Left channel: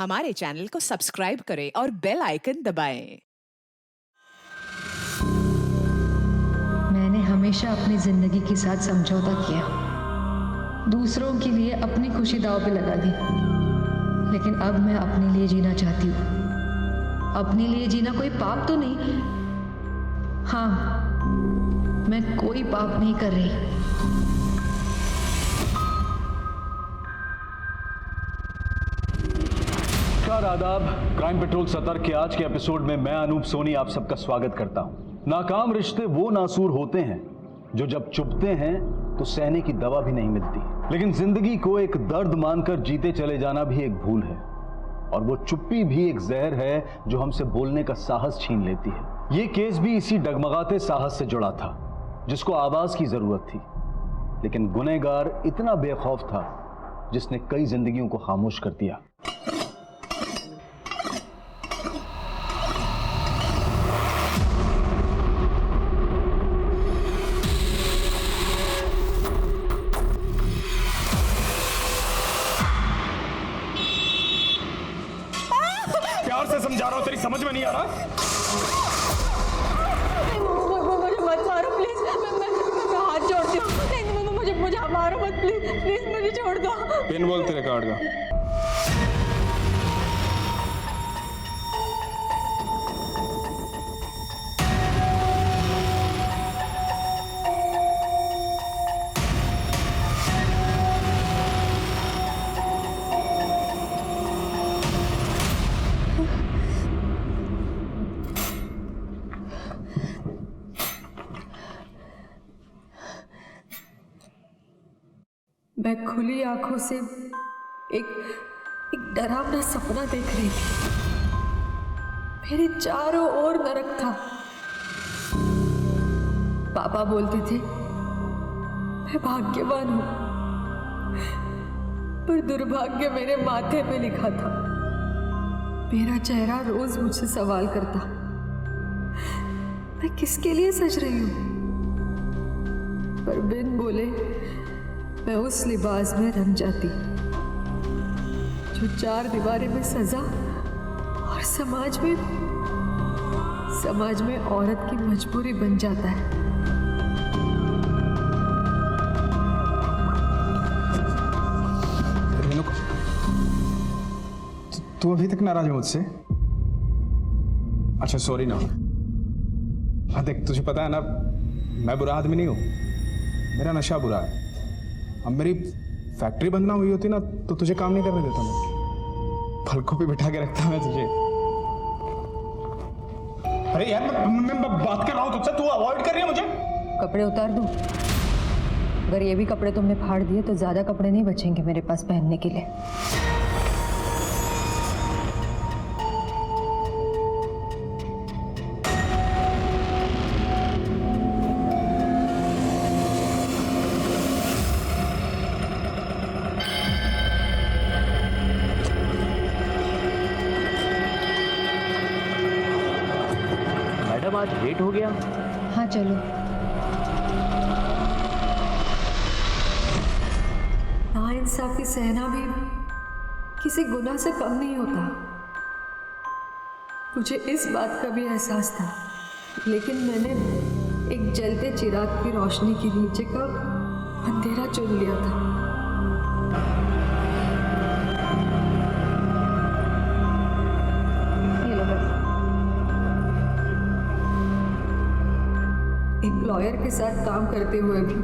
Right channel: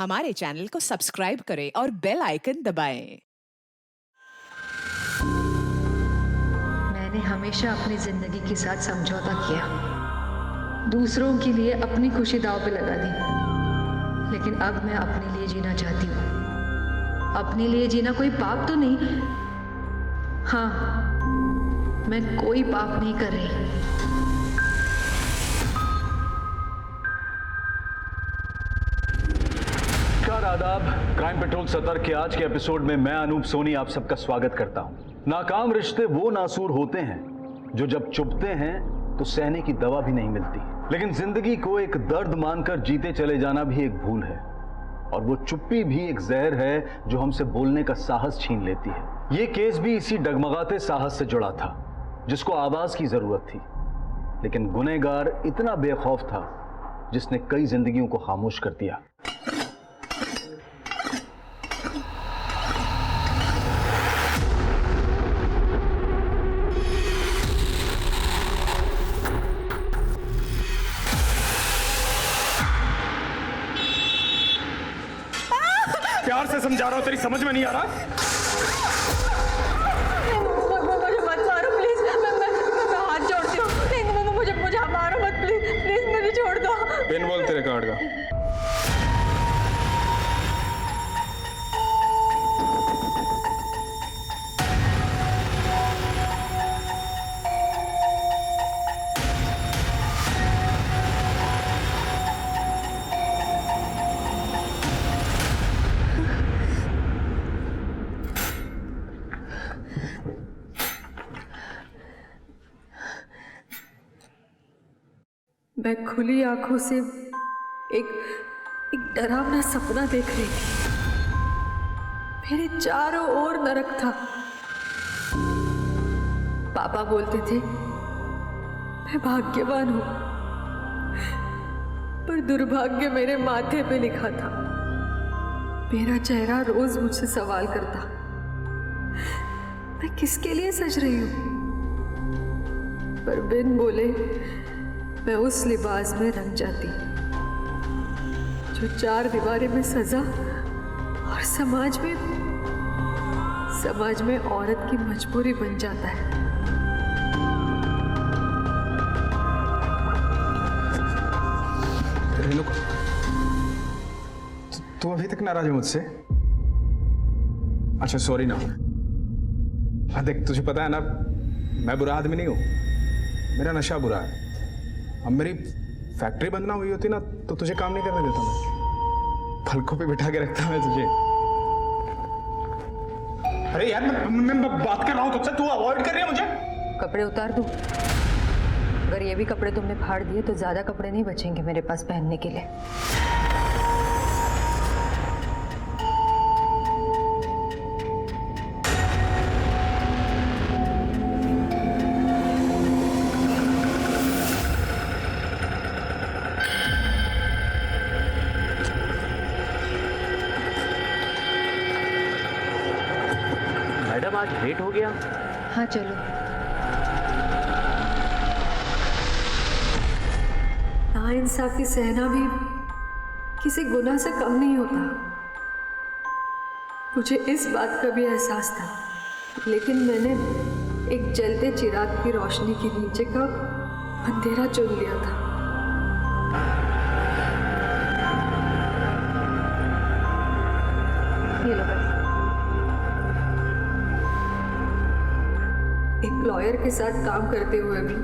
हमारे चैनल को सब्सक्राइब करें और बेल आइकन दबाएं। मैंने हमेशा अपनी जिंदगी के साथ समझौता किया, दूसरों के लिए अपनी खुशी दांव पे लगा दी, लेकिन अब मैं अपने लिए जीना चाहती हूँ। अपने लिए जीना कोई पाप तो नहीं। हाँ, मैं कोई पाप नहीं कर रही। नमस्कार, आदाब। क्राइम पेट्रोल सतर्क के आज के एपिसोड में मैं अनूप सोनी आप सबका स्वागत करता हूं। नाकाम रिश्ते वो नासूर होते हैं जो जब चुभते हैं तो सहने की दवा भी नहीं मिलती, लेकिन जिंदगी को एक दर्द मानकर जीते चले जाना भी एक भूल है, और वो चुप्पी भी एक जहर है जो हमसे बोलने का साहस छीन लेती है। ये केस भी इसी डगमगाते साहस से जुड़ा था जिसको आवाज की जरूरत थी, लेकिन गुनहगार इतना बेखौफ था जिसने कई जिंदगियों को खामोश कर दिया। प्यार से समझा रहा हूं, तेरी समझ में नहीं आ रहा? मुझे मत मारो प्लीज, मैं हाथ जोड़ती हूँ। नहीं, मुझे मारो मत प्लीज, मुझे छोड़ दो। पिन बोल तेरे कार्ड का। मैं खुली आंखों से एक डरावना सपना देख रही थी। मेरे चारों ओर नरक था। पापा बोलते थे मैं भाग्यवान हूं, पर दुर्भाग्य मेरे माथे पे लिखा था। मेरा चेहरा रोज मुझसे सवाल करता, मैं किसके लिए सज रही हूं? पर बिन बोले मैं उस लिबास में रंग जाती जो चार दीवारें में सजा और समाज में औरत की मजबूरी बन जाता है। रेणुका, तू अभी तक नाराज है मुझसे? अच्छा, सॉरी ना। देख, तुझे पता है ना, मैं बुरा आदमी नहीं हूं, मेरा नशा बुरा है। अब मेरी फैक्ट्री बंद ना हुई होती ना तो तुझे काम नहीं करने देता मैं, पलकों पे बिठा के रखता मैं तुझे। अरे यार, मैं बात कर रहा हूँ तुझसे, तू अवॉइड कर रही है मुझे। कपड़े उतार दूं? अगर ये भी कपड़े तुमने फाड़ दिए तो ज्यादा कपड़े नहीं बचेंगे मेरे पास पहनने के लिए। मैडम, आज लेट हो गया। हाँ चलो। नाइंसाफी सहना भी किसी गुनाह से कम नहीं होता। मुझे इस बात का भी एहसास था, लेकिन मैंने एक जलते चिराग की रोशनी के नीचे का अंधेरा चुन लिया था। ये लो बस। एक लॉयर के साथ काम करते हुए भी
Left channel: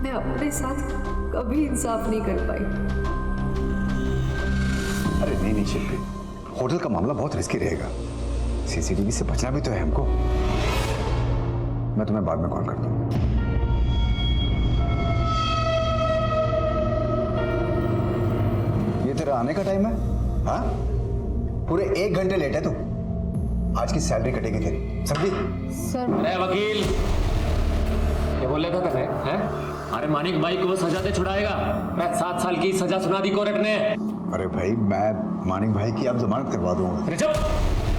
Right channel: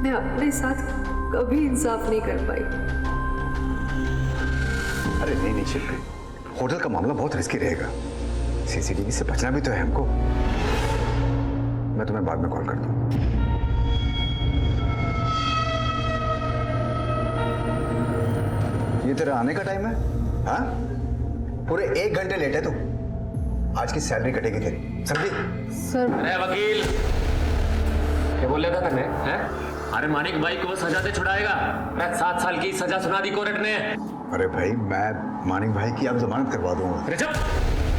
मैं अपने साथ कभी इंसाफ नहीं कर पाई। अरे नहीं शिल्पी, होटल का मामला बहुत रिस्की रहेगा। सीसीटीवी से बचना भी तो है हमको। मैं तुम्हें बाद में कॉल करता हूं। ये तेरा आने का टाइम है? हाँ, पूरे 1 घंटे लेट है तू। आज की सैलरी कटेगी तेरी, समझी? सर। अरे वकील, क्या बोल रहा था तने? हैं? अरे मानिक भाई को सजा दे छुड़ाएगा। 7 साल की सजा सुना दी कोर्ट ने। अरे भाई, मैं मानिक भाई की अब जमानत करवा दूंगा। अरे चुप,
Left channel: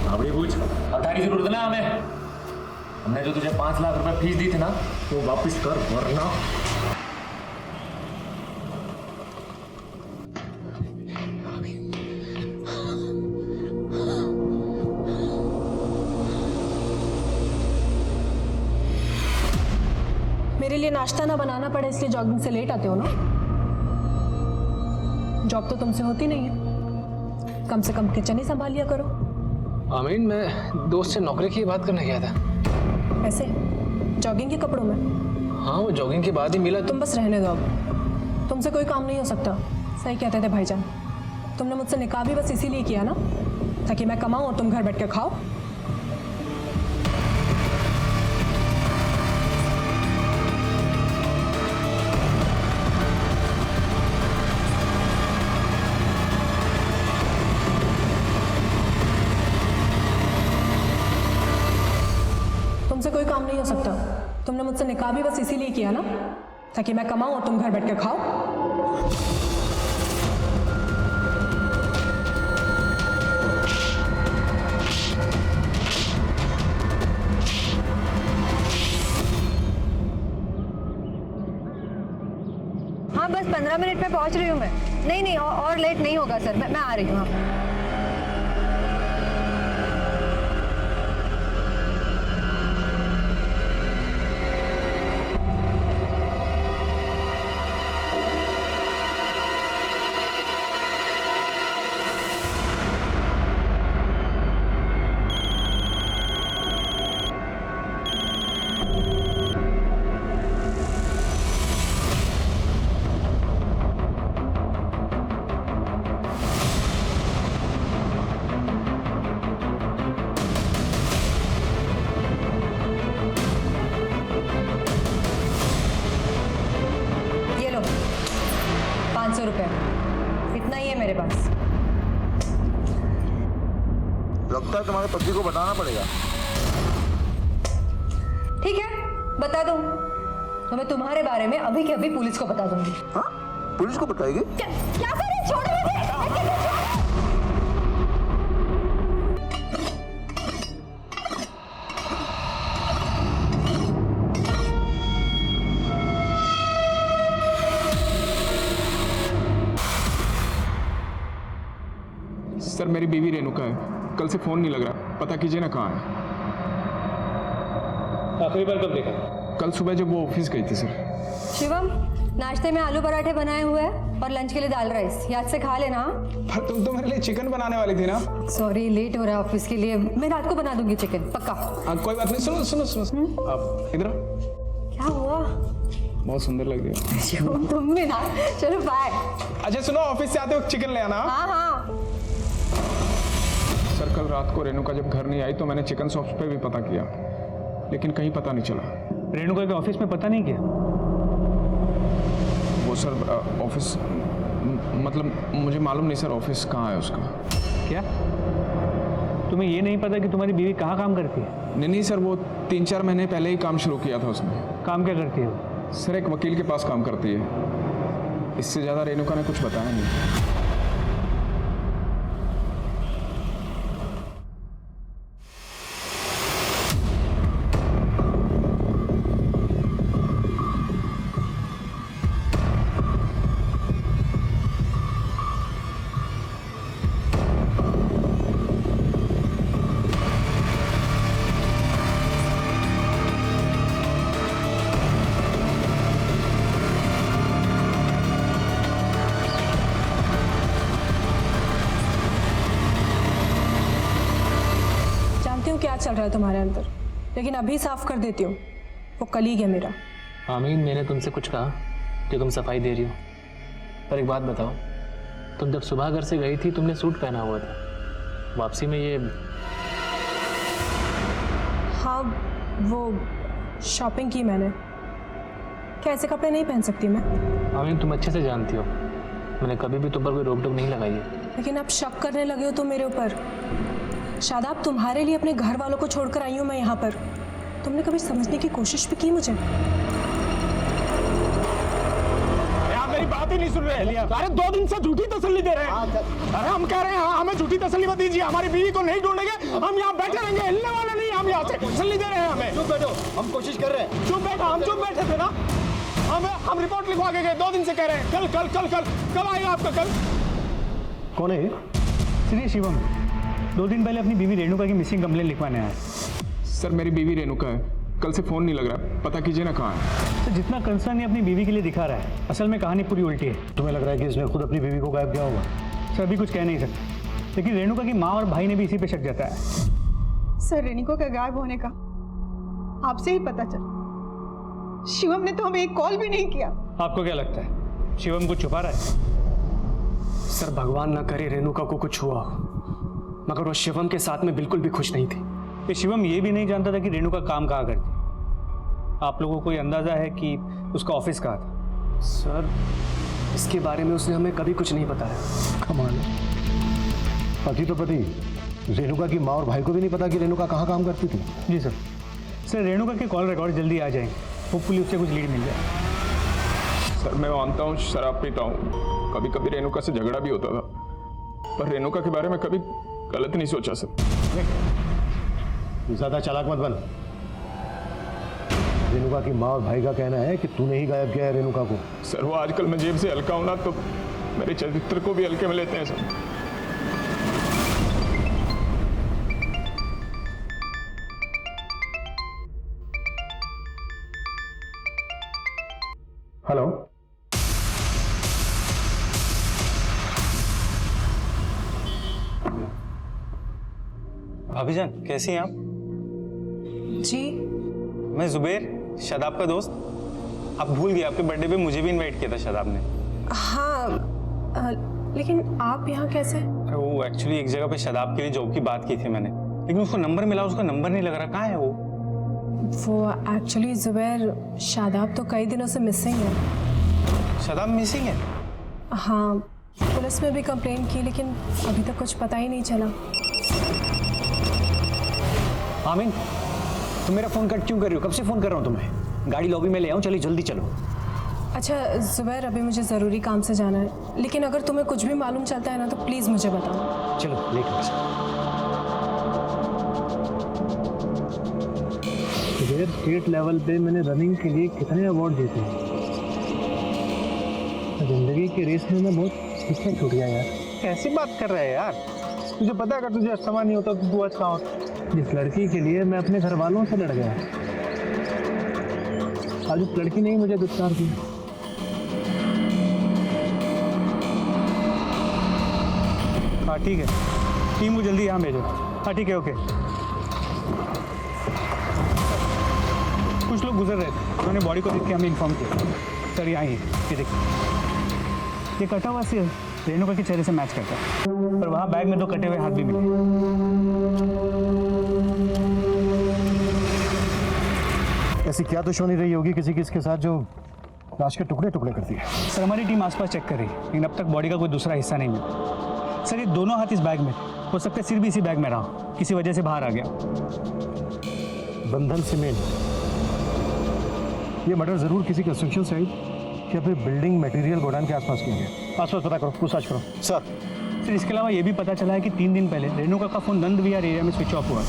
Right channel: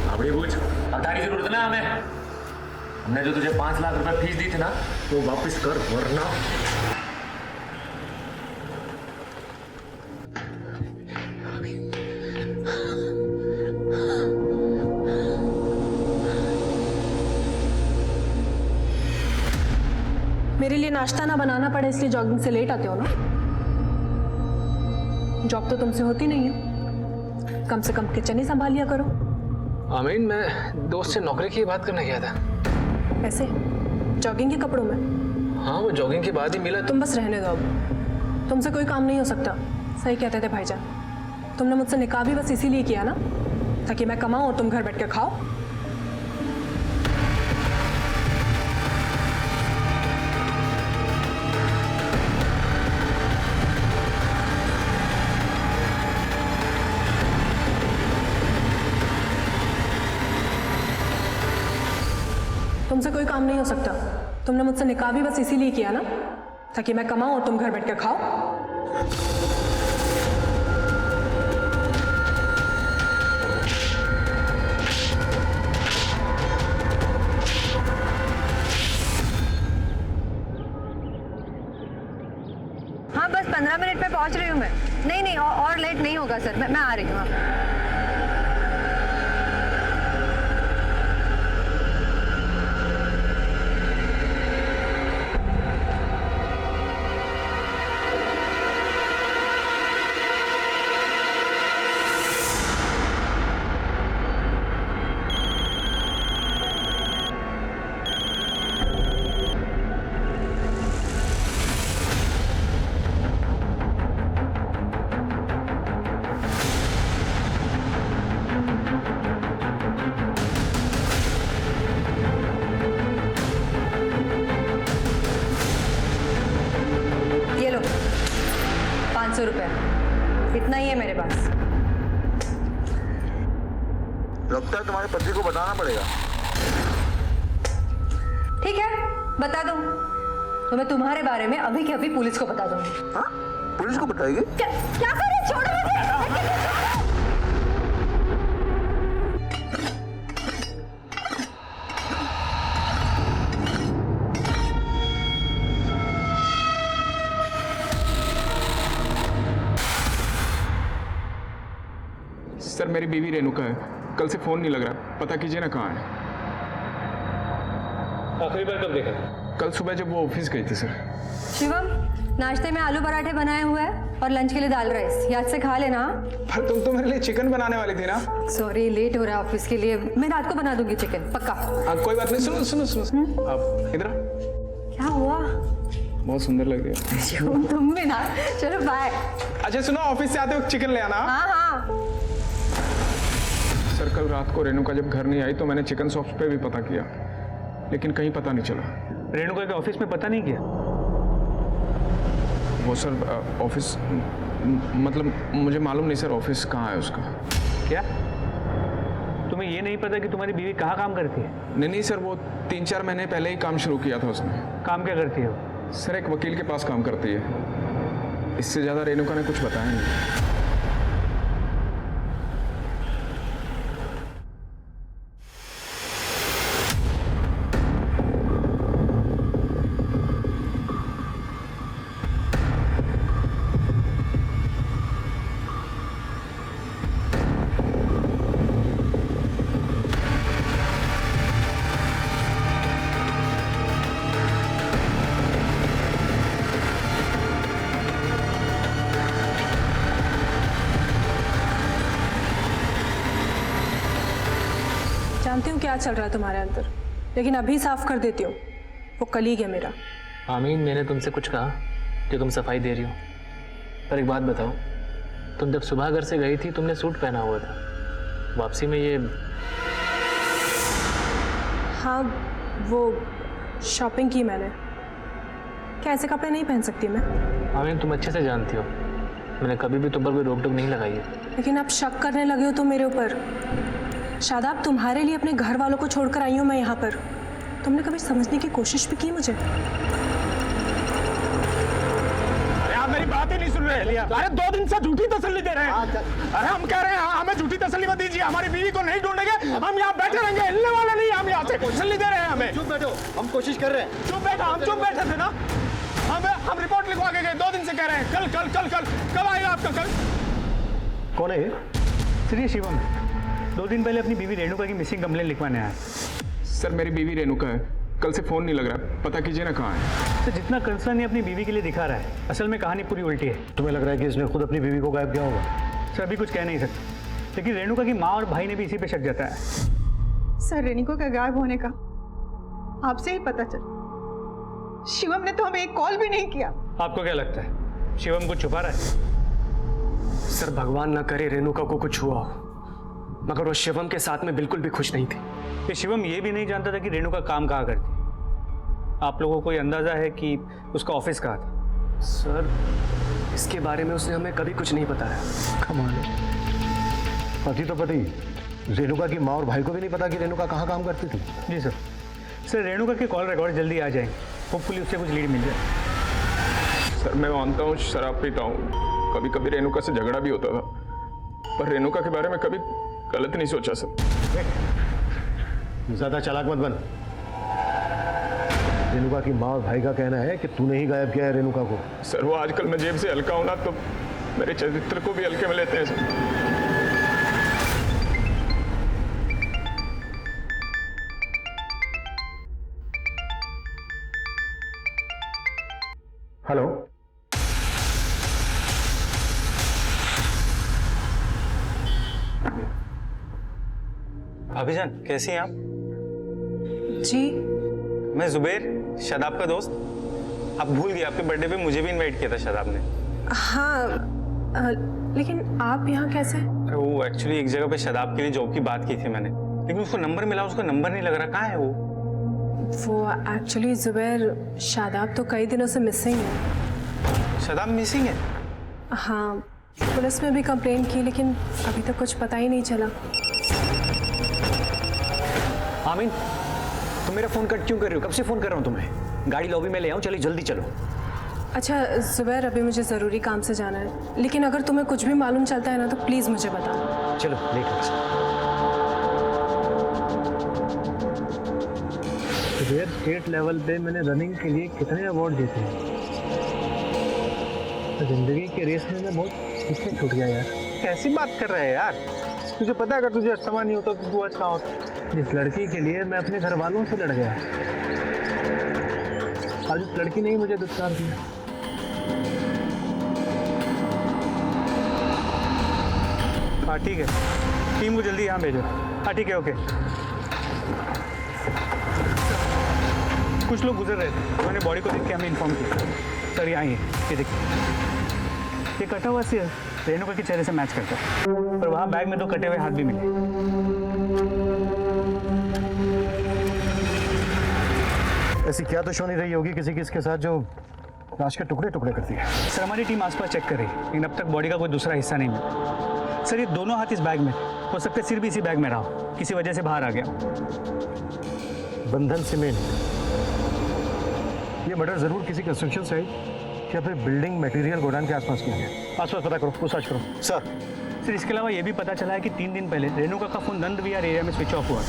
भावड़ी पूछ। पता की जरूरत ना हमें। हमने जो तुझे 5 लाख रुपए फीस दी थी ना, वो वापस कर, वरना मेरे लिए नाश्ता ना बनाना पड़े इसलिए जॉगिंग से लेट आते हो ना? जॉब तो तुमसे होती नहीं है, कम से कम किचन ही संभाल लिया करो। आमीन, मैं दोस्त से नौकरी की बात करने गया था। ऐसे जॉगिंग के कपड़ों में? हाँ, वो जॉगिंग के बाद ही मिला। तुम बस रहने दो, अब तुमसे कोई काम नहीं हो सकता। सही कहते थे भाईजान, तुमने मुझसे निकाह भी बस इसीलिए किया ना, ताकि मैं कमाऊं और तुम घर बैठ के खाओ। तुमसे कोई काम नहीं हो सकता। तुमने मुझसे निकाह भी बस इसीलिए किया ना, ताकि मैं कमाऊं और तुम घर बैठ के खाओ। हाँ बस 15 मिनट में पहुंच रही हूँ मैं। नहीं और लेट नहीं होगा सर, मैं आ रही हूँ। हाँ। ये लो 500 रुपये, इतना ही है मेरे पास। लगता है तुम्हारे पति को बताना पड़ेगा। ठीक है, बता दूं तो मैं तुम्हारे बारे में अभी के अभी पुलिस को बता दूंगी। हाँ? पुलिस को बताएगी? क्या करे, छोड़ो मुझे। सर मेरी बीवी रेणुका है, कल से फोन नहीं लग रहा, पता कीजिए ना कहाँ है। आखिरी बार कब देखा? कल सुबह जब वो ऑफिस गई थी सर। शिवम, नाश्ते में आलू पराठे बनाए हुए हैं और लंच के लिए दाल राइस, याद से खा लेना। पर तुम तो मेरे लिए चिकन बनाने वाली थी ना। सॉरी, लेट हो रहा है ऑफिस के लिए, मैं रात को बना दूंगी चिकन, पक्का। कोई बात नहीं, सुनो सुनो सुनो, आप इधर आओ। क्या हुआ? बहुत सुंदर लग रही है। शिवम तुम भी ना, चलो बाय। अच्छा सुनो, ऑफिस से आते वक्त चिकन ले आना। हाँ हाँ। सर कल रात को रेणुका जब घर नहीं आई तो मैंने चिकन शॉप्स पे भी पता किया, लेकिन कहीं पता नहीं चला। रेणुका के ऑफिस में पता नहीं किया? वो सर ऑफिस मतलब मुझे मालूम नहीं सर ऑफिस कहाँ है उसका। क्या तुम्हें ये नहीं पता कि तुम्हारी बीवी कहाँ काम करती है? नहीं सर, वो 3-4 महीने पहले ही काम शुरू किया था उसने। काम क्या करती है वो? सर एक वकील के पास काम करती है, इससे ज़्यादा रेणुका ने कुछ बताया नहीं। जानती हूँ क्या चल रहा है तुम्हारे अंदर, लेकिन अभी साफ कर देती हूँ, वो कलीग है मेरा। आमीन, मैंने तुमसे कुछ कहा कि तुम सफाई दे रही हो? पर एक बात बताओ, तुम जब सुबह घर से गई थी तुमने सूट पहना हुआ था, वापसी में ये? हाँ, वो शॉपिंग की मैंने। क्या ऐसे कपड़े नहीं पहन सकती मैं? आमीन, तुम अच्छे से जानती हो मैंने कभी भी तुम पर कोई रोक टोक नहीं लगाई है। लेकिन आप शक करने लगे हो तो मेरे ऊपर। शादाब, तुम्हारे लिए अपने घर वालों को छोड़कर आई हूँ मैं यहाँ पर। तुमने कभी समझने की कोशिश भी की मुझे? अरे आप मेरी बात ही नहीं सुन रहे। अरे 2 दिन से झूठी तसल्ली दे रहे हैं। अरे हम कह रहे हैं हमें झूठी तसल्ली मत दीजिए, हमारी बीवी को नहीं ढूंढेंगे, हम यहाँ बैठे रहेंगे, हिलने वाले नहीं, हम यहाँ से तसल्ली दे रहे हैं हमें। चुप बैठो, हम कोशिश कर रहे हैं। चुप बैठो, हम चुप बैठे थे ना। हम रिपोर्ट लिखवा के गए, 2 दिन से कह रहे हैं कल कल कल कल। कब आएगा आपका कल? कौन है? श्री शिवम, 2 दिन पहले अपनी बीवी रेणुका की मिसिंग कंप्लेंट लिखवाने आया। सर मेरी बीवी रेणुका है, कल से फोन नहीं लग रहा, पता कीजिए ना कहाँ है। सर जितना कंसर्न ये अपनी बीवी के लिए दिखा रहा है, असल में कहानी पूरी उल्टी है। तुम्हें लग रहा है कि इसने खुद अपनी बीवी को गायब किया होगा? सर अभी कुछ कह नहीं सकते, लेकिन रेणुका की माँ और भाई ने भी इसी पे शक जताया है। सर रेणुका का गायब होने का आपसे ही पता चल, शिवम ने तो हमें एक कॉल भी नहीं किया। आपको क्या लगता है शिवम कुछ छुपा रहा है? सर भगवान ना करे रेणुका को कुछ हुआ, मगर वो शिवम के साथ में बिल्कुल भी खुश नहीं थी। ये शिवम ये भी नहीं जानता था कि रेणुका काम कहाँ करती। आप लोगों को कोई अंदाजा है कि उसका ऑफिस कहाँ था? सर इसके बारे में उसने हमें कभी कुछ नहीं बताया। कमाल है, पति तो पति, रेणुका की माँ और भाई को भी नहीं पता कि रेणुका कहाँ काम करती थी। जी सर। सर रेणुका के कॉल रिकॉर्ड जल्दी आ जाएंगे, होपफुली उससे कुछ लीड मिल जाए। सर मैं मानता हूँ शराब पीता हूँ, कभी कभी रेणुका से झगड़ा भी होता था, पर रेणुका के बारे में कभी गलत नहीं सोचा सर। ज्यादा चालाक मत बन। रेणुका की माँ और भाई का कहना है कि तूने ही गायब किया है रेणुका को। सर वो आजकल मैं जेब से हल्का हूं ना, तो मेरे चरित्र को भी हल्के में लेते हैं सर। हेलो, भाभी जान कैसी हैं आप? जी मैं जुबेर, शादाब का दोस्त। आप भूल गए, आपके बर्थडे पे मुझे भी इनवाइट किया था शादाब ने। हाँ, लेकिन आप यहाँ कैसे? अरे वो एक्चुअली एक जगह पे शादाब के लिए जॉब की बात की थी मैंने, लेकिन उसको नंबर मिला, उसका नंबर नहीं लग रहा। कहाँ है वो एक्चुअली जुबैर, शादाब तो कई दिनों से मिसिंग है। शादाब मिसिंग है? हाँ, पुलिस में भी कंप्लेन की, लेकिन अभी तक कुछ पता ही नहीं चला। आमीन, तुम मेरा फोन कट क्यों कर रही हो? कब से फोन कर रहा हूँ तुम्हें। गाड़ी लॉबी में ले आऊँ, चलिए जल्दी चलो। अच्छा जुबैर, अभी मुझे ज़रूरी काम से जाना है, लेकिन अगर तुम्हें कुछ भी मालूम चलता है ना तो प्लीज़ मुझे बताओ। चलो लेट हो गया। जुबेर, स्टेट लेवल पे मैंने रनिंग के लिए कितने अवार्ड जीते हैं। जिंदगी के रेस में मैं बहुत पीछे छूट गया यार। कैसी बात कर रहे हैं यार? तुझे पता है अगर तुझे अस्थमा नहीं होता तो तू आज कहाँ होता? जिस लड़की के लिए मैं अपने घर वालों से लड़ गया, आज उस लड़की ने ही मुझे दुत्कार दिया। हाँ ठीक है, टीम को जल्दी यहाँ भेजो। हाँ ठीक है, ओके। कुछ लोग गुजर रहे थे, उन्होंने बॉडी को देख के हमें इन्फॉर्म किया। सर यहाँ ही ये देखिए, ये कटा हुआ सिर रेणुका के चेहरे से मैच करता है, और वहाँ बैग में 2 कटे हुए हाथ भी मिले। ऐसी क्या दुश्मनी रही होगी किसी किसके साथ जो लाश के टुकड़े टुकड़े करती है? सर हमारी टीम आसपास चेक कर रही है, लेकिन अब तक बॉडी का कोई दूसरा हिस्सा नहीं मिला। सर ये दोनों हाथ इस बैग में थे, हो सकता है सिर भी इसी बैग में रहा हो, किसी वजह से बाहर आ गया। बंधन सीमेंट, ये मर्डर जरूर किसी कंस्ट्रक्शन साइट या फिर बिल्डिंग मटेरियल गोडाउन के आसपास किया गया। आसपास पता करो, पूछताछ करो। सर इसके अलावा ये भी पता चला है कि 3 दिन पहले रेणुका का फोन नंद विहार एरिया में स्विच ऑफ हुआ,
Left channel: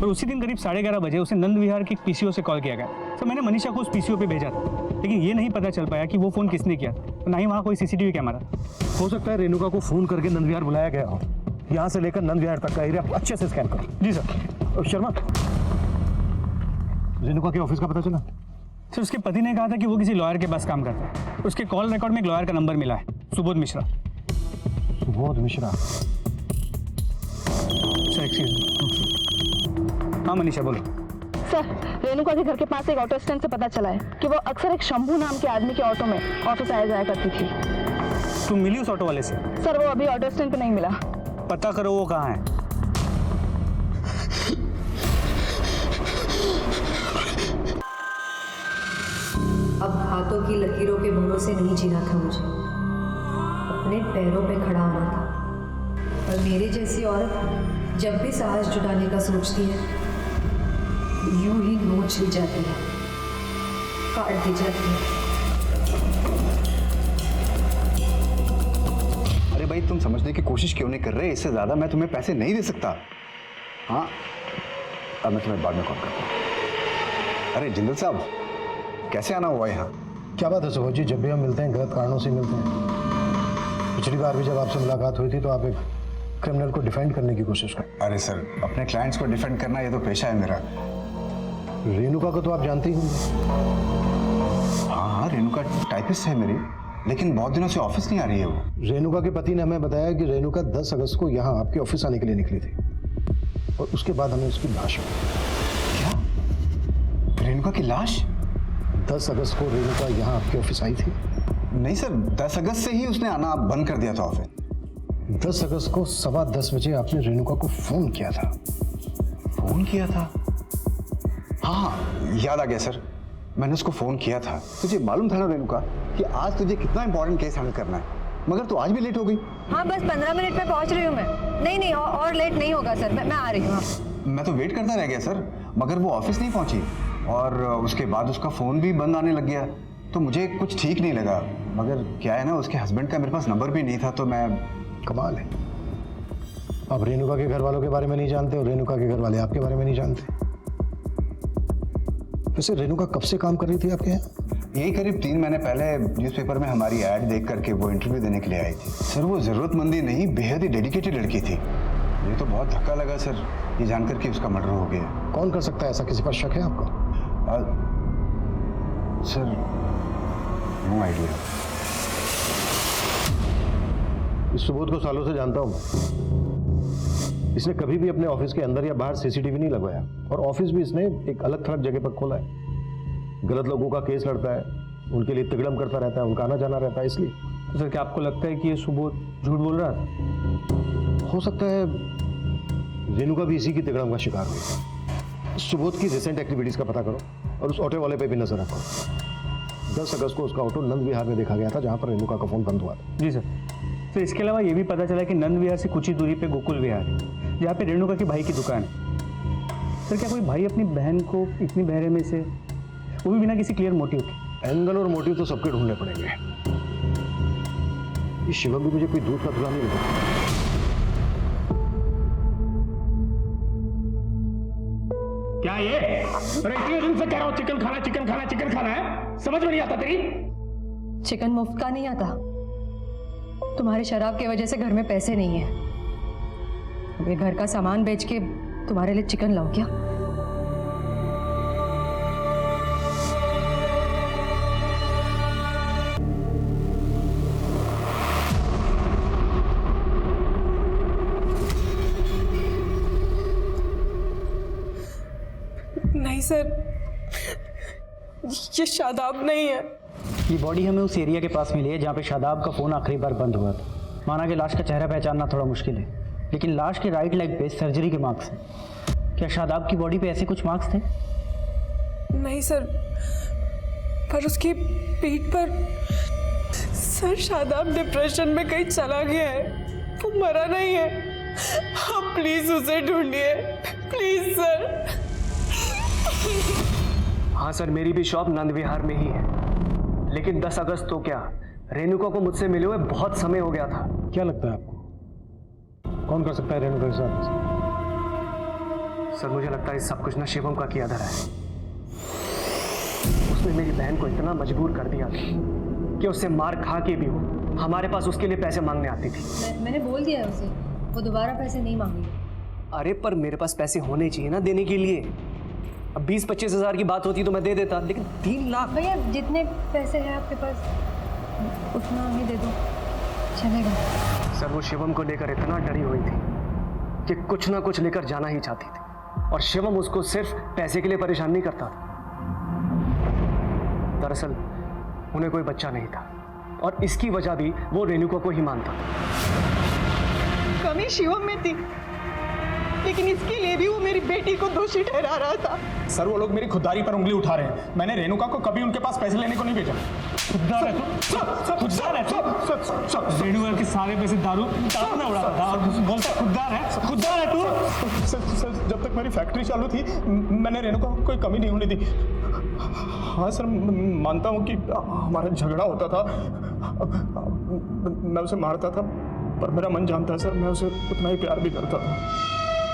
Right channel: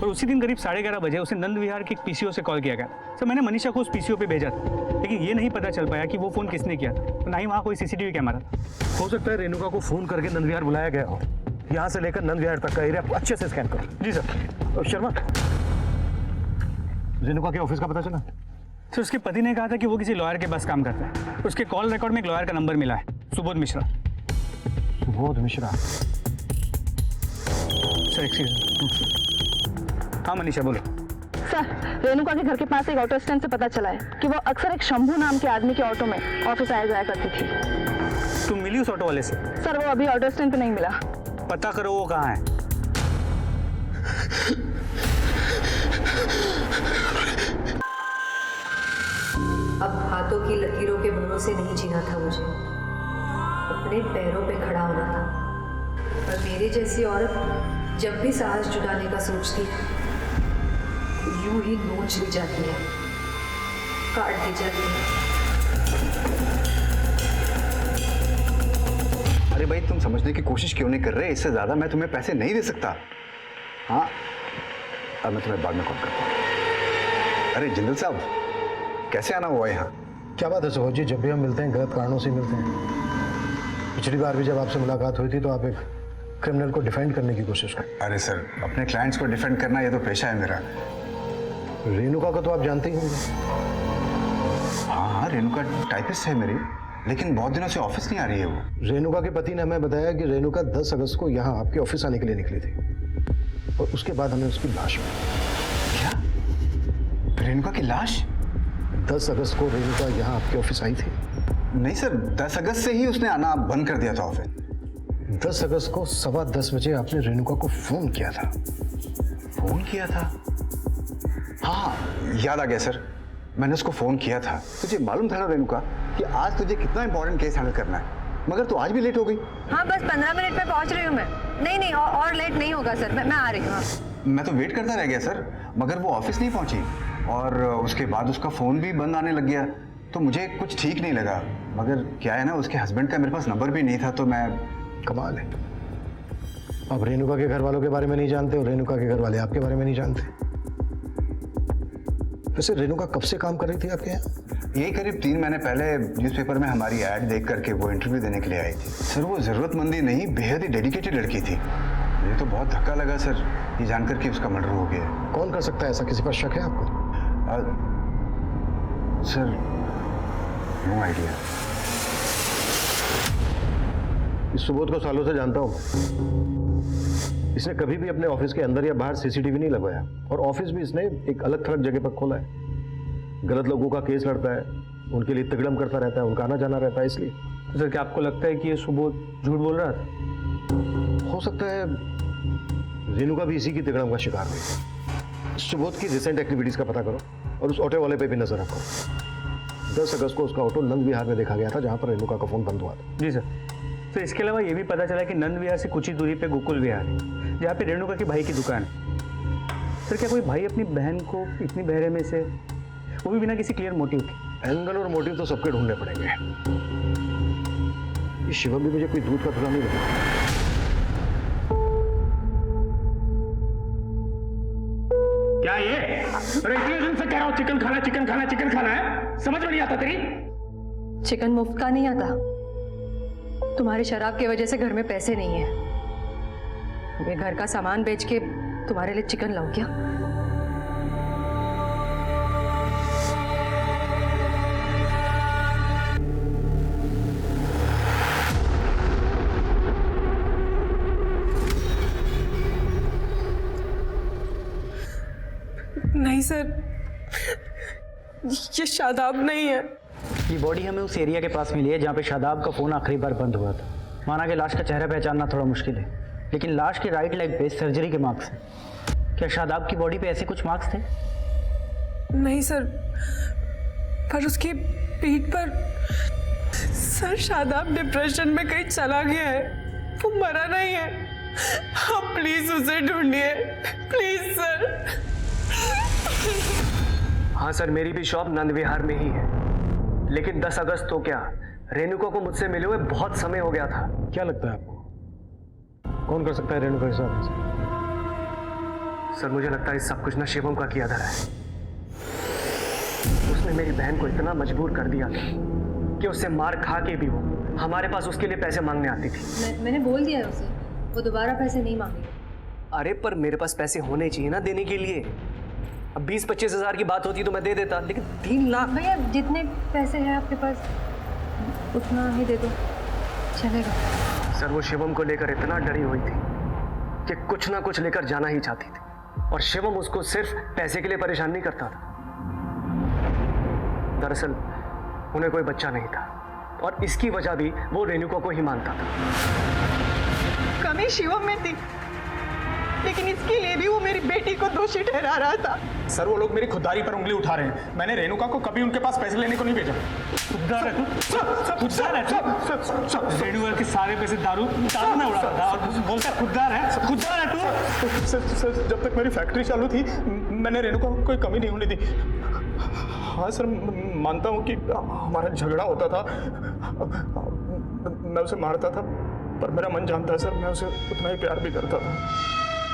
और उसी दिन करीब 11:30 बजे उसे नंद विहार के एक पीसीओ से कॉल किया गया। सर मैंने मनीषा को उस पीसीओ पे भेजा था, लेकिन ये नहीं पता चल पाया कि वो फोन किसने किया था, और ना ही वहाँ कोई सीसीटीवी कैमरा था। हो सकता है रेणुका को फोन करके नंद विहार बुलाया गया हो। यहाँ से लेकर नंद विहार तक का एरिया अच्छे से स्कैन करो। जी सर। शर्मा, रेणुका के ऑफिस का पता चला? सर उसके पति ने कहा था कि वो किसी लॉयर के पास काम करता है। उसके कॉल रिकॉर्ड में एक लॉयर का नंबर मिला है, Subodh Mishra. Subodh Mishra? Sir excuse me. हाँ मनीषा बोलो। सर रेणुका के घर के पास एक ऑटो स्टैंड से पता चला है कि वो अक्सर एक शंभू नाम के आदमी के ऑटो में ऑफिस आया जाया करती थी। तुम मिली उस ऑटो वाले से? सर वो अभी ऑटो स्टैंड पे नहीं मिला। पता करो वो कहाँ है। अब हाथों की लकीरों के भरोसे नहीं जीना था मुझे, अपने पैरों पे खड़ा होना था। और मेरे जैसी औरत जब भी साहस जुटाने का सोचती है, यूं ही नोच ली जाती है, काट दी जाती है। अरे भाई तुम समझने की कोशिश क्यों नहीं कर रहे? इससे ज्यादा मैं तुम्हें पैसे नहीं दे सकता। हाँ अब मैं तुम्हें बाद में कॉल करता हूँ। अरे जिंदल साहब, कैसे आना हुआ यहाँ? क्या बात है सुबोध जी, जब भी हम मिलते हैं गलत कारणों से मिलते हैं। पिछली बार भी जब आपसे मुलाकात हुई थी तो आप एक क्रिमिनल को डिफेंड करने की कोशिश कर। अरे सर, अपने क्लाइंट्स को डिफेंड करना ये तो पेशा है मेरा। रेणुका को तो आप जानते ही होंगे। हाँ हाँ, रेणुका टाइपिस्ट है मेरी, लेकिन बहुत दिनों से ऑफिस नहीं आ रही है वो। रेणुका के पति ने हमें बताया कि रेणुका 10 अगस्त को यहाँ आपके ऑफिस आने के लिए निकली थी और उसके बाद हमें उसकी लाश मिली। क्या? रेणुका की लाश? 10 अगस्त को रेणुका यहाँ आपके ऑफिस आई थी? नहीं सर, 10 अगस्त से ही उसने आना बंद कर दिया था ऑफिस। 10 अगस्त को 10:15 बजे आपने रेणुका को फोन किया था। फोन किया था? हाँ, याद आ गया सर, मैंने उसको फोन किया था। तुझे मालूम था ना रेणुका कि आज तुझे कितना इंपॉर्टेंट केस हैंडल करना है, मगर तू आज भी लेट हो गई। हाँ, बस 15 मिनट में पहुंच रही हूँ मैं। नहीं और लेट नहीं होगा सर, मैं आ रही हूँ। मैं तो वेट करता रह गया सर, मगर वो ऑफिस नहीं पहुंची और उसके बाद उसका फोन भी बंद आने लग गया, तो मुझे कुछ ठीक नहीं लगा। मगर क्या है ना, उसके हस्बैंड का मेरे पास नंबर भी नहीं था, तो मैं। कमाल है, आप रेणुका के घर वालों के बारे में नहीं जानते और रेणुका के घर वाले आपके बारे में नहीं जानते। वैसे रेणुका कब से काम कर रही थी आपके यहाँ? यही करीब 3 महीने पहले न्यूज़पेपर में हमारी ऐड देख करके वो इंटरव्यू देने के लिए आई थी। सर वो जरूरतमंदी नहीं, बेहद ही डेडिकेटेड लड़की थी। मुझे तो बहुत धक्का लगा सर ये जानकर कि उसका मर्डर हो गया। कौन कर सकता है ऐसा? किसी पर शक है आपको? Sir no idea. इस सुबोध को सालों से जानता हूं मैं। इसने कभी भी अपने ऑफिस के अंदर या बाहर सीसीटीवी नहीं लगवाया और ऑफिस भी इसने एक अलग थलग जगह पर खोला है। गलत लोगों का केस लड़ता है, उनके लिए तिगड़म करता रहता है, उनका आना जाना रहता है। इसलिए तो सर क्या आपको लगता है कि ये सुबोध झूठ बोल रहा था? हो सकता है रेणुका भी इसी की तिगड़म का शिकार हुई। सुबोध की रिसेंट एक्टिविटीज का पता करो और उस ऑटो वाले पे भी नजर रखो। 10 अगस्त को उसका ऑटो नंद विहार में देखा गया था, जहां पर रेणुका का फोन बंद हुआ था। जी सर। तो इसके अलावा ये भी पता चला कि नंद विहार से कुछ ही दूरी पे गोकुल विहार है, जहाँ पे रेणुका के भाई की दुकान है। सर क्या कोई भाई अपनी बहन को इतनी बहरे में से, वो भी बिना किसी क्लियर मोटिव के? एंगल और मोटिव तो सबके ढूंढने पड़ेंगे। ये शिवम भी मुझे कोई दूध का धुला नहीं लगा। क्या ये? अरे इतने दिन से कह रहा हूँ चिकन खाना है, समझ में नहीं आता तेरी? चिकन मुफ्त का नहीं आता। तुम्हारी शराब की वजह से घर में पैसे नहीं है। ये घर का सामान बेच के तुम्हारे लिए चिकन लाऊं क्या? नहीं सर, ये शादाब नहीं है। ये बॉडी हमें उस एरिया के पास मिली है जहाँ पे शादाब का फ़ोन आखिरी बार बंद हुआ था। माना कि लाश का चेहरा पहचानना थोड़ा मुश्किल है, लेकिन लाश के राइट लेग पे सर्जरी के मार्क्स हैं। क्या शादाब की बॉडी पे ऐसे कुछ मार्क्स थे? नहीं सर, पर उसकी पीठ पर। सर शादाब डिप्रेशन में कहीं चला गया है, वो मरा नहीं है। आप प्लीज उसे ढूंढिए, प्लीज सर। हाँ सर, मेरी भी शॉप नंद विहार में ही है, लेकिन 10 अगस्त तो क्या, रेणुका को मुझसे मिले हुए बहुत समय हो गया था। क्या लगता है आपको कौन कर सकता है रेणुका के साथ? सर मुझे लगता है इस सब कुछ ना शिवम का किया धरा है। उसने मेरी बहन को इतना मजबूर कर दिया था कि उससे मार खा के भी वो हमारे पास उसके लिए पैसे मांगने आती थी। मैंने बोल दिया है उसे, वो दोबारा पैसे नहीं मांगेगी। अरे पर मेरे पास पैसे होने चाहिए ना देने के लिए। अब 20-25 हज़ार की बात होती तो मैं दे देता, लेकिन 3 लाख। भैया जितने पैसे हैं आपके पास उतना ही दे दो, चलेगा। सर वो शिवम को लेकर इतना डरी हुई थी कि कुछ ना कुछ लेकर जाना ही चाहती थी, और शिवम उसको सिर्फ पैसे के लिए परेशान नहीं करता था। दरअसल उन्हें कोई बच्चा नहीं था और इसकी वजह भी वो रेणुका को ही मानता था। कमी शिवम में थी, लेकिन इसके लिए भी वो मेरी बेटी को दोषी ठहरा रहा था। सर वो लोग मेरी खुददारी पर उंगली उठा रहे हैं। मैंने रेणुका को कभी उनके पास पैसे लेने को नहीं भेजा। खुददार है तू, खुददार है तू। रेणुका के सारे पैसे दारू में उड़ाता था और बोलता खुददार है तू। सर जब तक मेरी फैक्ट्री चालू थी मैंने रेणुका को कोई कमी नहीं होने दी। हाँ सर, मानता हूँ कि हमारा झगड़ा होता था, मैं उसे मारता था, पर मेरा मन जानता है सर, मैं उसे उतना ही प्यार भी करता था।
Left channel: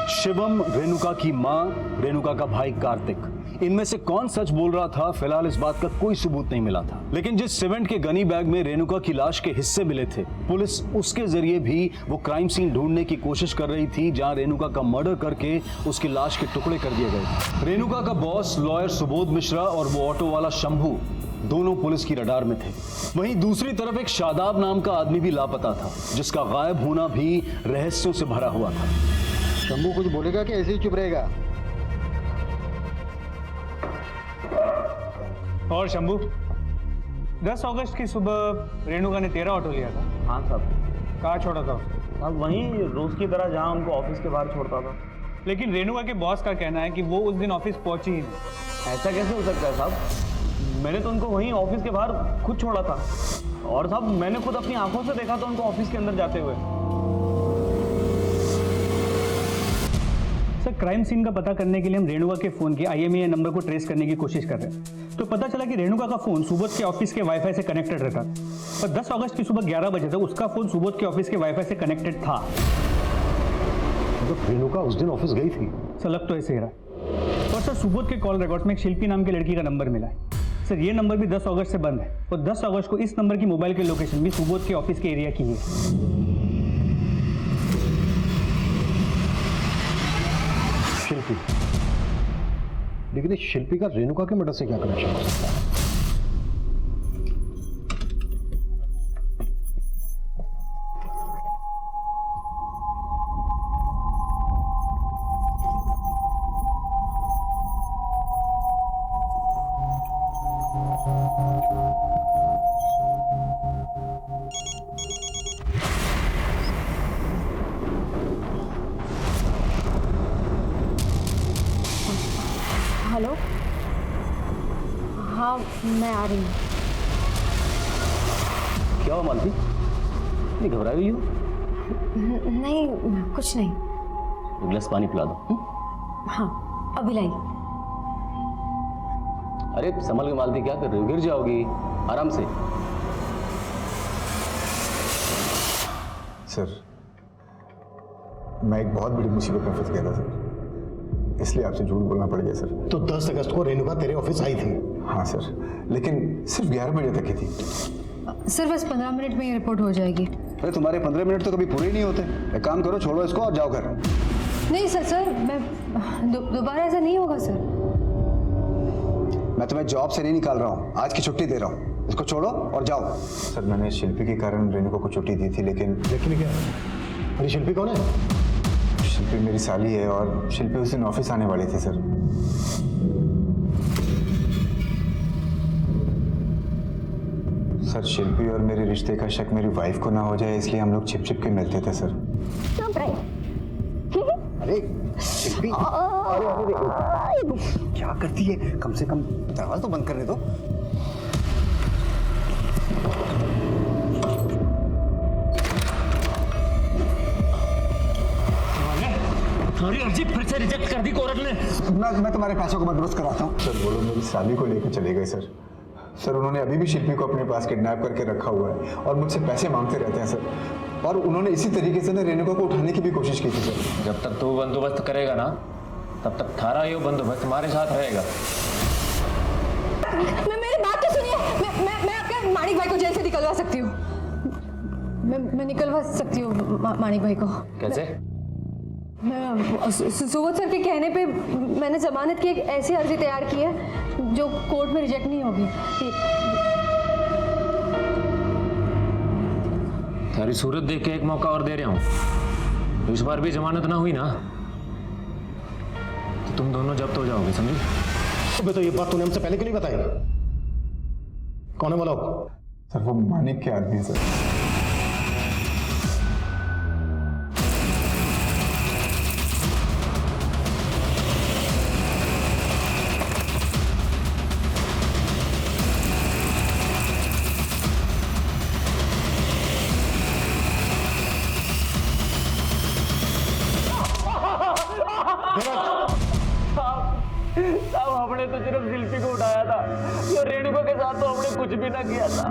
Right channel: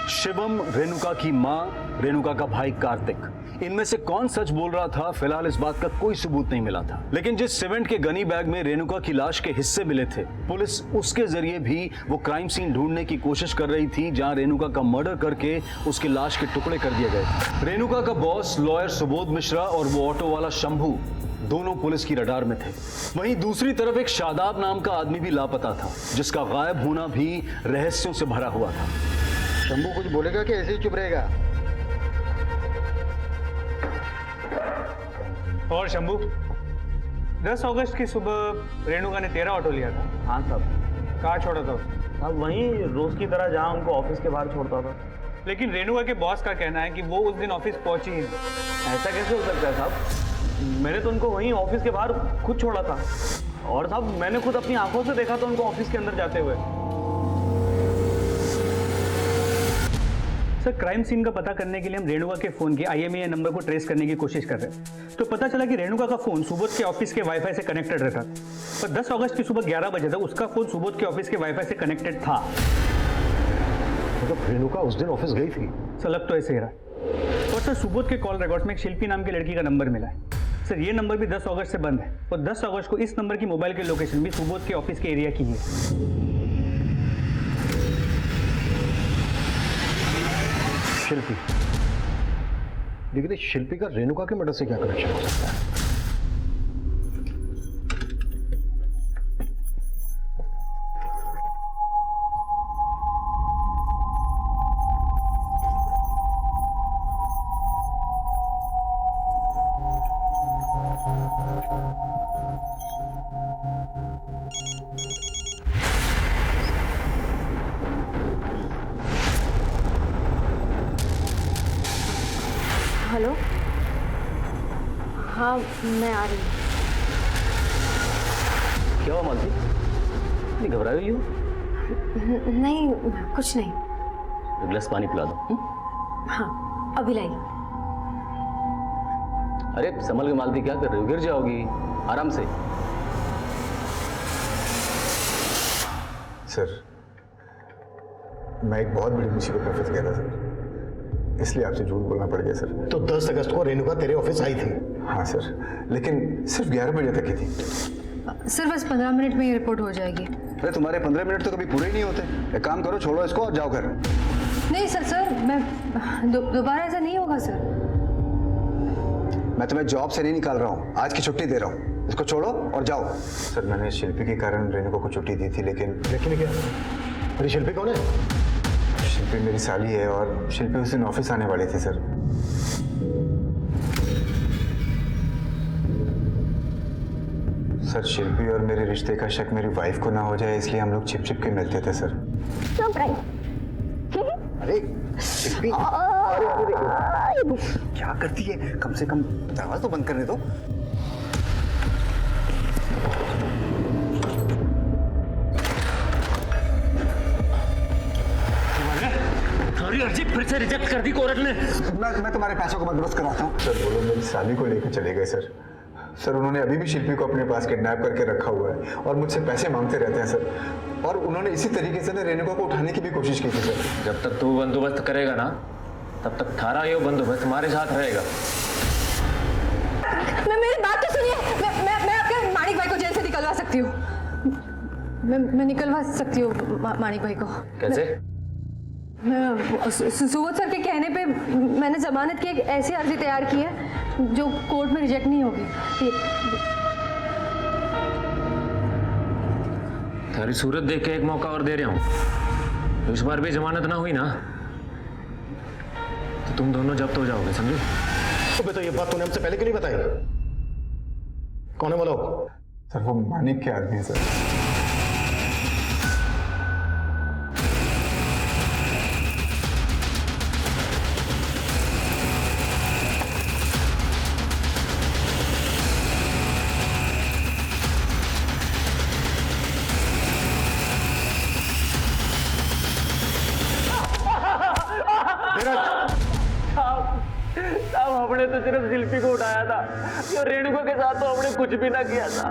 शिवम, रेणुका की मां, रेणुका का भाई कार्तिक, इनमें से कौन सच बोल रहा था, फिलहाल इस बात का कोई सबूत नहीं मिला था। लेकिन जिस सीमेंट के गनी बैग में रेणुका की लाश के हिस्से मिले थे, पुलिस उसके जरिए भी वो क्राइम सीन ढूंढने की कोशिश कर रही थी जहां रेणुका का मर्डर करके उसकी लाश के टुकड़े कर दिए गए थे। रेणुका का बॉस लॉयर सुबोध मिश्रा और वो ऑटो वाला शंभू दोनों पुलिस की रडार में थे। वहीं दूसरी तरफ एक शादाब नाम का आदमी भी लापता था, जिसका गायब होना भी रहस्यों से भरा हुआ था। शंभू कुछ बोलेगा कि ऐसे ही चुप रहेगा? और शंभू, 10 अगस्त की सुबह रेणुका ने तेरा ऑटो लिया था? हाँ साहब। कहाँ छोड़ा था उसने? साहब वहीं रोज की तरह जहाँ उनको ऑफिस के बाहर छोड़ता था। लेकिन रेणुका के बॉस का कहना है कि वो उस दिन ऑफिस पहुंची ही नहीं। ऐसा कैसे हो सकता है साहब? मैंने तो उनको वहीं ऑफिस के बाहर खुद छोड़ा था, और साहब मैंने खुद अपनी आंखों से देखा था उनको ऑफिस के अंदर जाते हुए। सर, क्राइम सीन का पता करने के लिए हम रेणुका के फोन के IMEI नंबर को ट्रेस करने की कोशिश कर रहे हैं। तो पता चला कि रेणुका का फोन सुबोध के ऑफिस के वाईफाई से कनेक्टेड रहता था, पर 10 अगस्त की सुबह 11 बजे तक उसका फोन सुबोध के ऑफिस के वाईफाई से कनेक्टेड था। मतलब रेणुका उस दिन ऑफिस गई थी? सर, लग तो ऐसे ही रहा है। और सर, सुबोध के कॉल रिकॉर्ड्स में एक शिल्पी नाम की लड़की का नंबर मिला है। सर, ये नंबर भी 10 अगस्त से बंद है, और 10 अगस्त को इस नंबर की मोबाइल की लोकेशन भी सुबोध के ऑफिस के एरिया की है। शिल्पी, लेकिन इस शिल्पी का रेणुका के मर्डर से क्या कनेक्शन हो सकता है? हेलो, हाँ मैं आ रही हूँ। क्या हुआ मालती, नहीं घबराई हुई हो? नहीं, कुछ नहीं। एक गिलास पानी पिला दो। हाँ अभी लाई। अरे संभल के मालती, क्या कर रही हो? गिर जाओगी, आराम से। सर, मैं एक बहुत बड़ी मुसीबत में फंस गया था सर, इसलिए आपसे झूठ बोलना पड़ गया सर। तो 10 अगस्त को रेणुका तेरे ऑफिस आई थी? हाँ सर, लेकिन सिर्फ 11 बजे तक ही थी। सर बस 15 मिनट में ये रिपोर्ट हो जाएगी। अरे तुम्हारे 15 मिनट तो कभी पूरे ही नहीं होते। एक काम करो, छोड़ो इसको और जाओ घर। नहीं सर, मैं दोबारा ऐसा नहीं होगा सर। मैं तुम्हें जॉब से नहीं निकाल रहा हूँ, आज की छुट्टी दे रहा हूँ। इसको छोड़ो और जाओ। सर, मैंने शिल्पी के कारण रेणुका को छुट्टी दी थी, लेकिन क्या? अरे शिल्पी कौन है? शिल्पी मेरी साली है, और शिल्पी उस दिन ऑफिस आने वाली थी सर। सर, शिल्पी और मेरे रिश्ते का शक मेरी वाइफ को ना हो जाए, इसलिए हम लोग छिप छिप के मिलते थे सर। अरे शिल्पी, अरे क्या करती है? कम से कम दरवाजा तो बंद करने दो। तुम्हारी अर्जी फिर से रिजेक्ट कर दी कोर्ट ने। मैं तुम्हारे पैसों को बंदोबस्त कराता हूँ। सर, वो लोग मेरी साली को लेकर चले गए सर। सर, उन्होंने अभी भी शिल्पी को अपने पास किडनैप करके रखा हुआ है और मुझसे पैसे मांगते रहते हैं सर। और उन्होंने इसी तरीके से ना रेणुका को उठाने की भी कोशिश की थी सर। जब तक तू बंदोबस्त करेगा ना, तब तक थारा ये बंदोबस्त तुम्हारे साथ रहेगा। मेरी बात तो सुनिए। मैं आपके माणिक भाई को जेल से निकलवा सकती हूँ। मैं निकलवा सकती हूँ माणिक भाई को। कैसे? सुबोध सर के कहने पे मैंने जमानत की एक ऐसी अर्जी तैयार की है जो कोर्ट में रिजेक्ट नहीं होगी। तारी सूरत देख के एक मौका और दे रहा हूँ। इस बार भी जमानत ना हुई ना, तो तुम दोनों जब्त हो जाओगे, समझे? अबे तो ये बात तूने हमसे पहले क्यों नहीं बताई? कौन है बोलो? सर, वो मानिक के आदमी है सर। साहब हमने तो सिर्फ शिल्पी को उठाया था, ये रेणुका के साथ तो हमने कुछ भी ना किया था।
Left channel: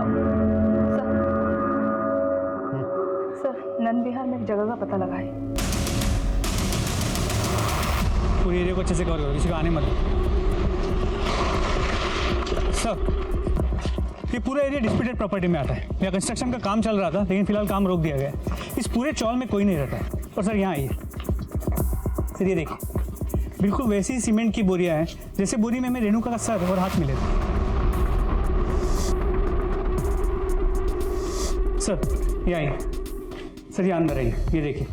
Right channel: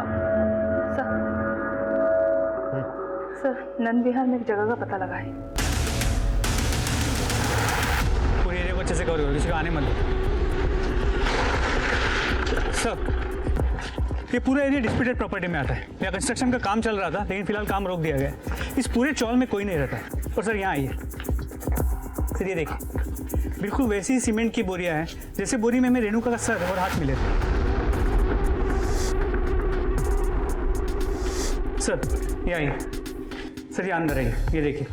सर, नंद विहार में एक जगह का पता लगा है। पूरी एरिया को अच्छे से कवर करो, किसी को आने मत दो। सर, ये पूरा एरिया डिस्प्यूटेड प्रॉपर्टी में आता है। यहाँ कंस्ट्रक्शन का काम चल रहा था, लेकिन फिलहाल काम रोक दिया गया है। इस पूरे चौल में कोई नहीं रहता है। और सर यहाँ आइए सर, ये देखिए, बिल्कुल वैसी ही सीमेंट की बोरियां हैं जैसे बोरी में हमें रेणुका का सर और हाथ मिले थे। सर ये आइए सर, ये अंदर आइए, ये देखिए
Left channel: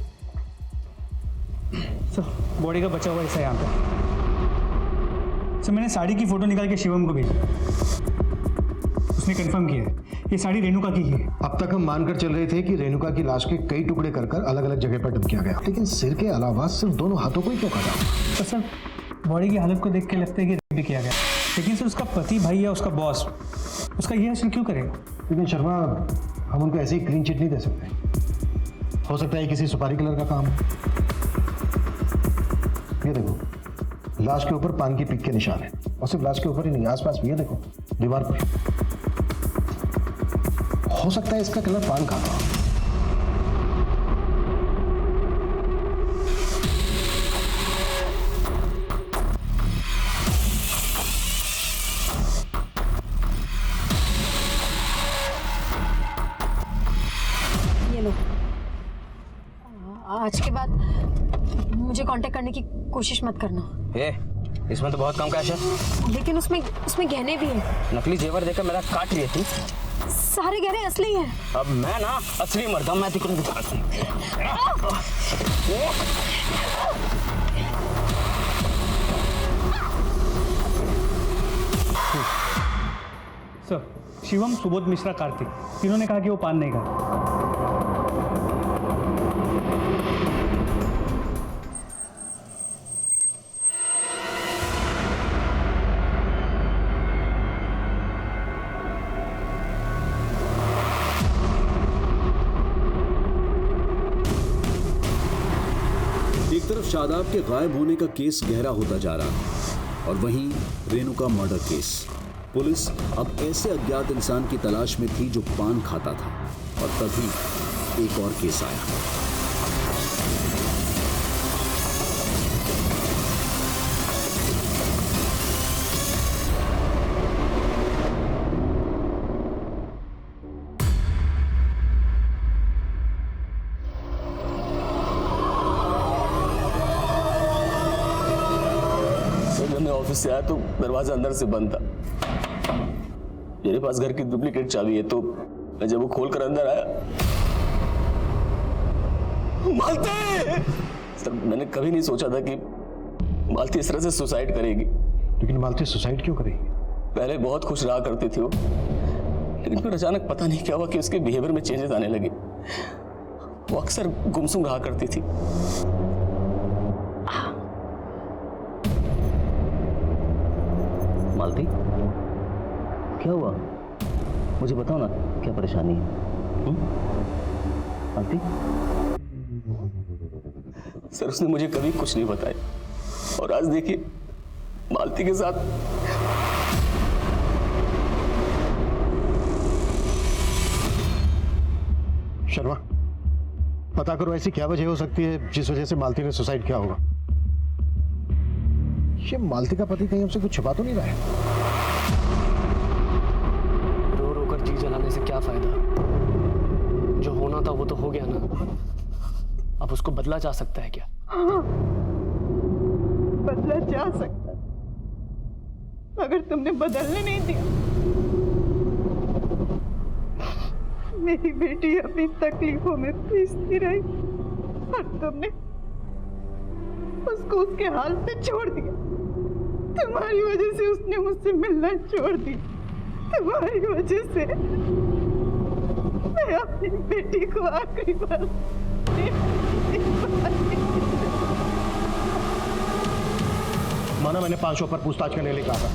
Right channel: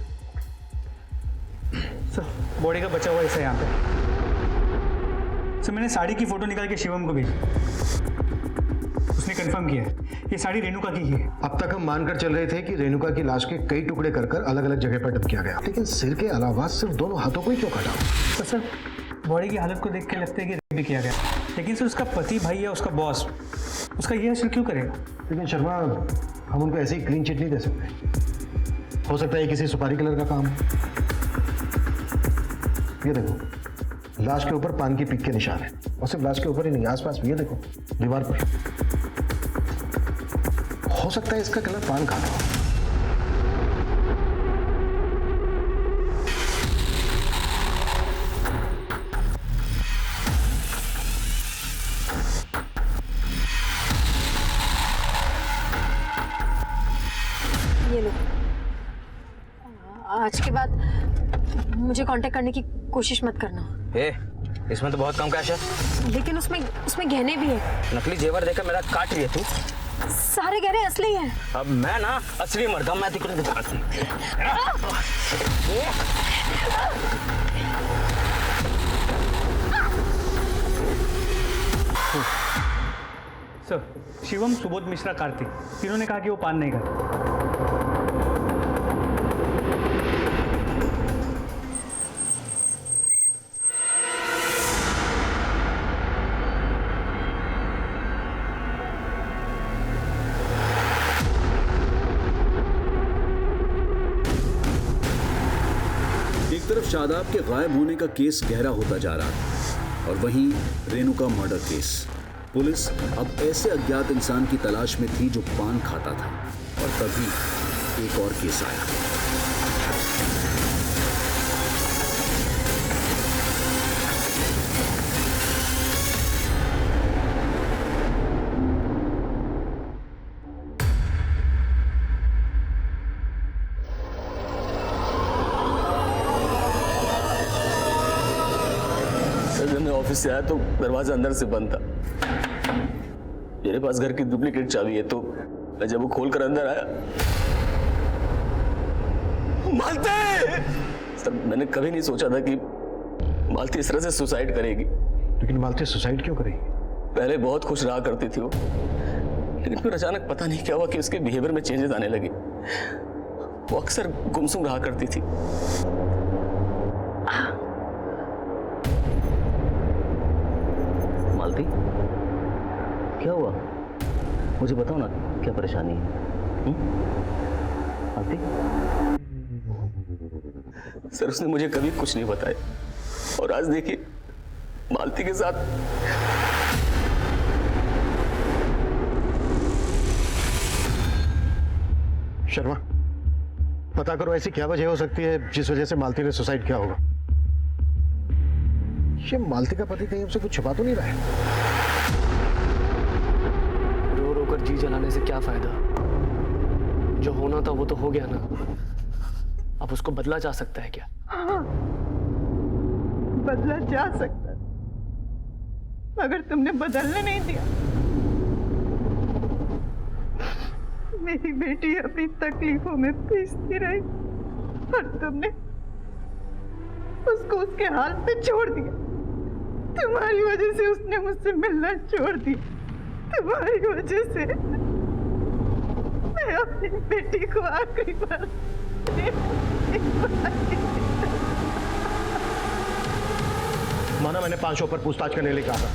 सर, बॉडी का बचा हुआ हिस्सा यहाँ पे। सर मैंने साड़ी की फोटो निकाल के शिवम को भेजी, उसने कंफर्म किया है ये साड़ी रेणुका की है। अब तक हम मानकर चल रहे थे कि रेणुका की लाश के कई टुकड़े कर अलग अलग जगह पर डंप किया गया, लेकिन सिर के अलावा सिर्फ दोनों हाथों को ही क्यों काटा? तो सर बॉडी की हालत को देख के लगता है कि रेप भी किया गया, लेकिन सर उसका पति भाई या उसका बॉस उसका ये असर क्यों करेगा? लेकिन शर्मा, हम उनको ऐसे ही क्लीन चिट नहीं दे सकते। हो सकता है किसी सुपारी कलर का काम। ये देखो, लाश के ऊपर पान की पिक के निशान है, और सिर्फ लाश के ऊपर ही नहीं, आसपास भी। ये देखो दीवार पर, हो सकता है इसका कलर पान खाता हो। ये लो, आज के बाद मुझे कांटेक्ट करने की कोशिश मत करना। इसमें तो बहुत कम कैश है। लेकिन उसमें गहने भी है। नकली जेवर देकर मेरा काट रही है तू। सारे गहने असली हैं। अब मैं ना असली मर्द हूं, मैं तुझे दिखाता हूं। सर शिवम, सुबोध मिश्रा, कार्तिक, तीनों ने कहा कि वो पान नहीं खाता। एक तरफ शादाब के गायब होने का केस गहरा होता जा रहा था और वहीं रेणुका मर्डर केस। पुलिस अब ऐसे अज्ञात इंसान की तलाश में थी जो पान खाता था, और तभी एक और केस आया। जब मैं ऑफिस से आया तो दरवाजा अंदर से बंद था। मेरे पास घर की डुप्लीकेट चाबी है, तो मैं जब वो खोलकर अंदर आया, मालती! सर मैंने कभी नहीं सोचा था कि मालती इस तरह से सुसाइड करेगी। लेकिन मालती सुसाइड क्यों करेगी? पहले बहुत खुश रहा करती थी वो, लेकिन फिर अचानक पता नहीं क्या हुआ कि उसके बिहेवियर में चेंजेस आने लगे। वो अक्सर गुमसुम रहा करती थी। मालती, क्या हुआ? मुझे बताओ ना, क्या परेशानी है? मालती? सर उसने मुझे कभी कुछ नहीं बताया, और आज देखिए मालती के साथ। शर्मा, पता करो ऐसी क्या वजह हो सकती है जिस वजह से मालती ने सुसाइड किया होगा। ये मालती का पति कहीं हमसे कुछ छुपा तो नहीं रहा है? रो रो कर जी जलाने से क्या फायदा? जो होना था वो तो हो गया ना। अब उसको बदला जा सकता है क्या? हाँ, बदला जा सकता है, मगर तुमने बदलने नहीं दिया। मेरी बेटी अपनी तकलीफों में पीसती रही और तुमने उसको उसके हाल पे छोड़ दिया। तुम्हारी वजह से उसने मुझसे मिलना छोड़ दिया। तुम्हारी वजह से मैं अपनी बेटी को आखिरी बार माना मैंने 500 पर पूछताछ करने लिए कहा था,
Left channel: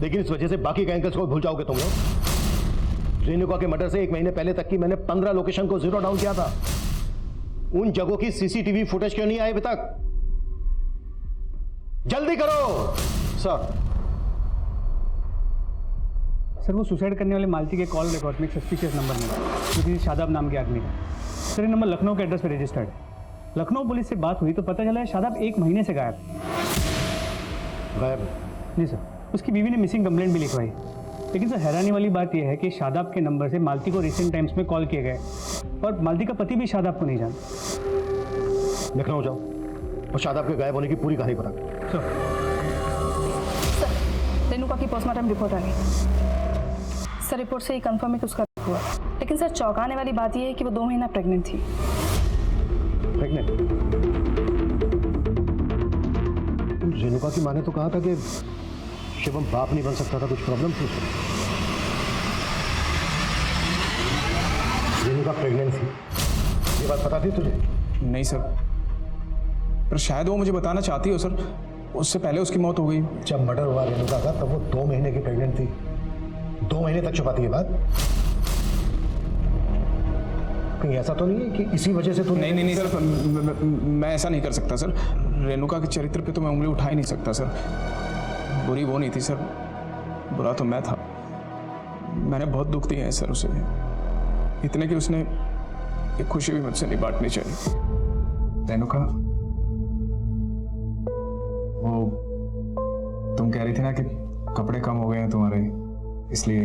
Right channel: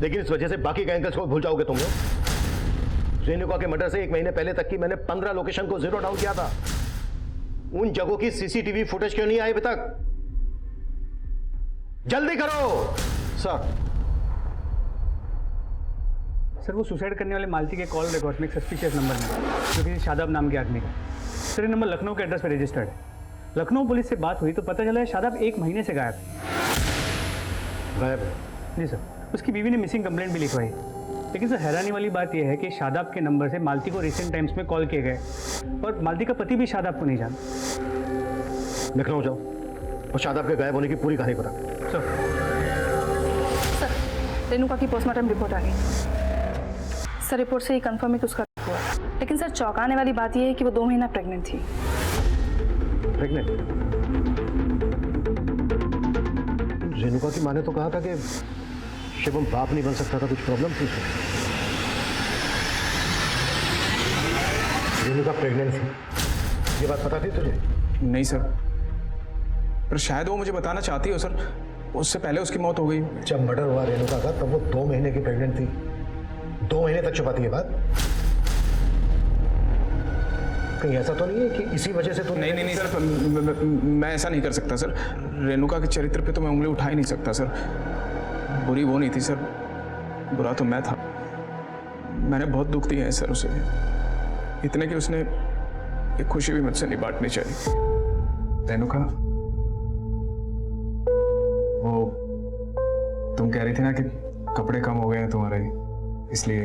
लेकिन इस वजह से बाकी के एंगल्स को भूल जाओगे तुम लोग। रेणुका के मर्डर से 1 महीने पहले तक की मैंने 15 लोकेशन को जीरो डाउन किया था। उन जगहों की सीसीटीवी फुटेज क्यों नहीं आई अभी तक? जल्दी करो सर। सर वो सुसाइड करने वाले मालती के कॉल रिकॉर्ड में एक सस्पिशियस नंबर मिला, जो किसी शादाब नाम के आदमी का। सर ये नंबर लखनऊ के एड्रेस पर रजिस्टर्ड है। लखनऊ पुलिस से बात हुई तो पता चला है शादाब 1 महीने से गायब है। गायब है। जी सर, उसकी बीवी ने मिसिंग कंप्लेंट भी लिखवाई। लेकिन सर हैरानी वाली बात यह है कि शादाब के नंबर से मालती को रिसेंट टाइम्स में कॉल किए गए और मालती का पति भी शादाब को नहीं जानता। लखनऊ जाओ और शादाब के गायब होने की पूरी कहानी पता। सर रेणुका की पोस्टमार्टम रिपोर्ट आ गई। सर रिपोर्ट से ये कंफर्म है कि उसका हुआ, लेकिन सर चौंकाने वाली बात यह है कि वो 2 महीना प्रेग्नेंट थी। प्रेग्नेंट? रेणुका की माँ ने तो कहा था कि शिवम बाप नहीं बन सकता था, कुछ प्रॉब्लम थी उसमें। रेणुका प्रेग्नेंट थी, ये बात पता थी तुझे? नहीं सर, पर शायद वो मुझे बताना चाहती हो सर। उससे पहले उसकी मौत हो गई। जब मर्डर हुआ रेणुका का तब वो 2 महीने की प्रेग्नेंट थी। 2 महीने तक छुपाती है बात। कहीं ऐसा तो नहीं है कि इसी वजह से तू? नहीं सर, मैं ऐसा नहीं कर सकता सर। रेणुका के चरित्र पे तो मैं उंगली उठा ही नहीं सकता सर। बुरी वो नहीं थी सर, बुरा तो मैं था। मैंने बहुत दुख दिया है सर उसे, इतने कि उसने एक खुशी भी मुझसे नहीं बांटनी चाहिए। रेणुका, वो तुम कह रही थी ना कि कपड़े कम हो गए हैं तुम्हारे, इसलिए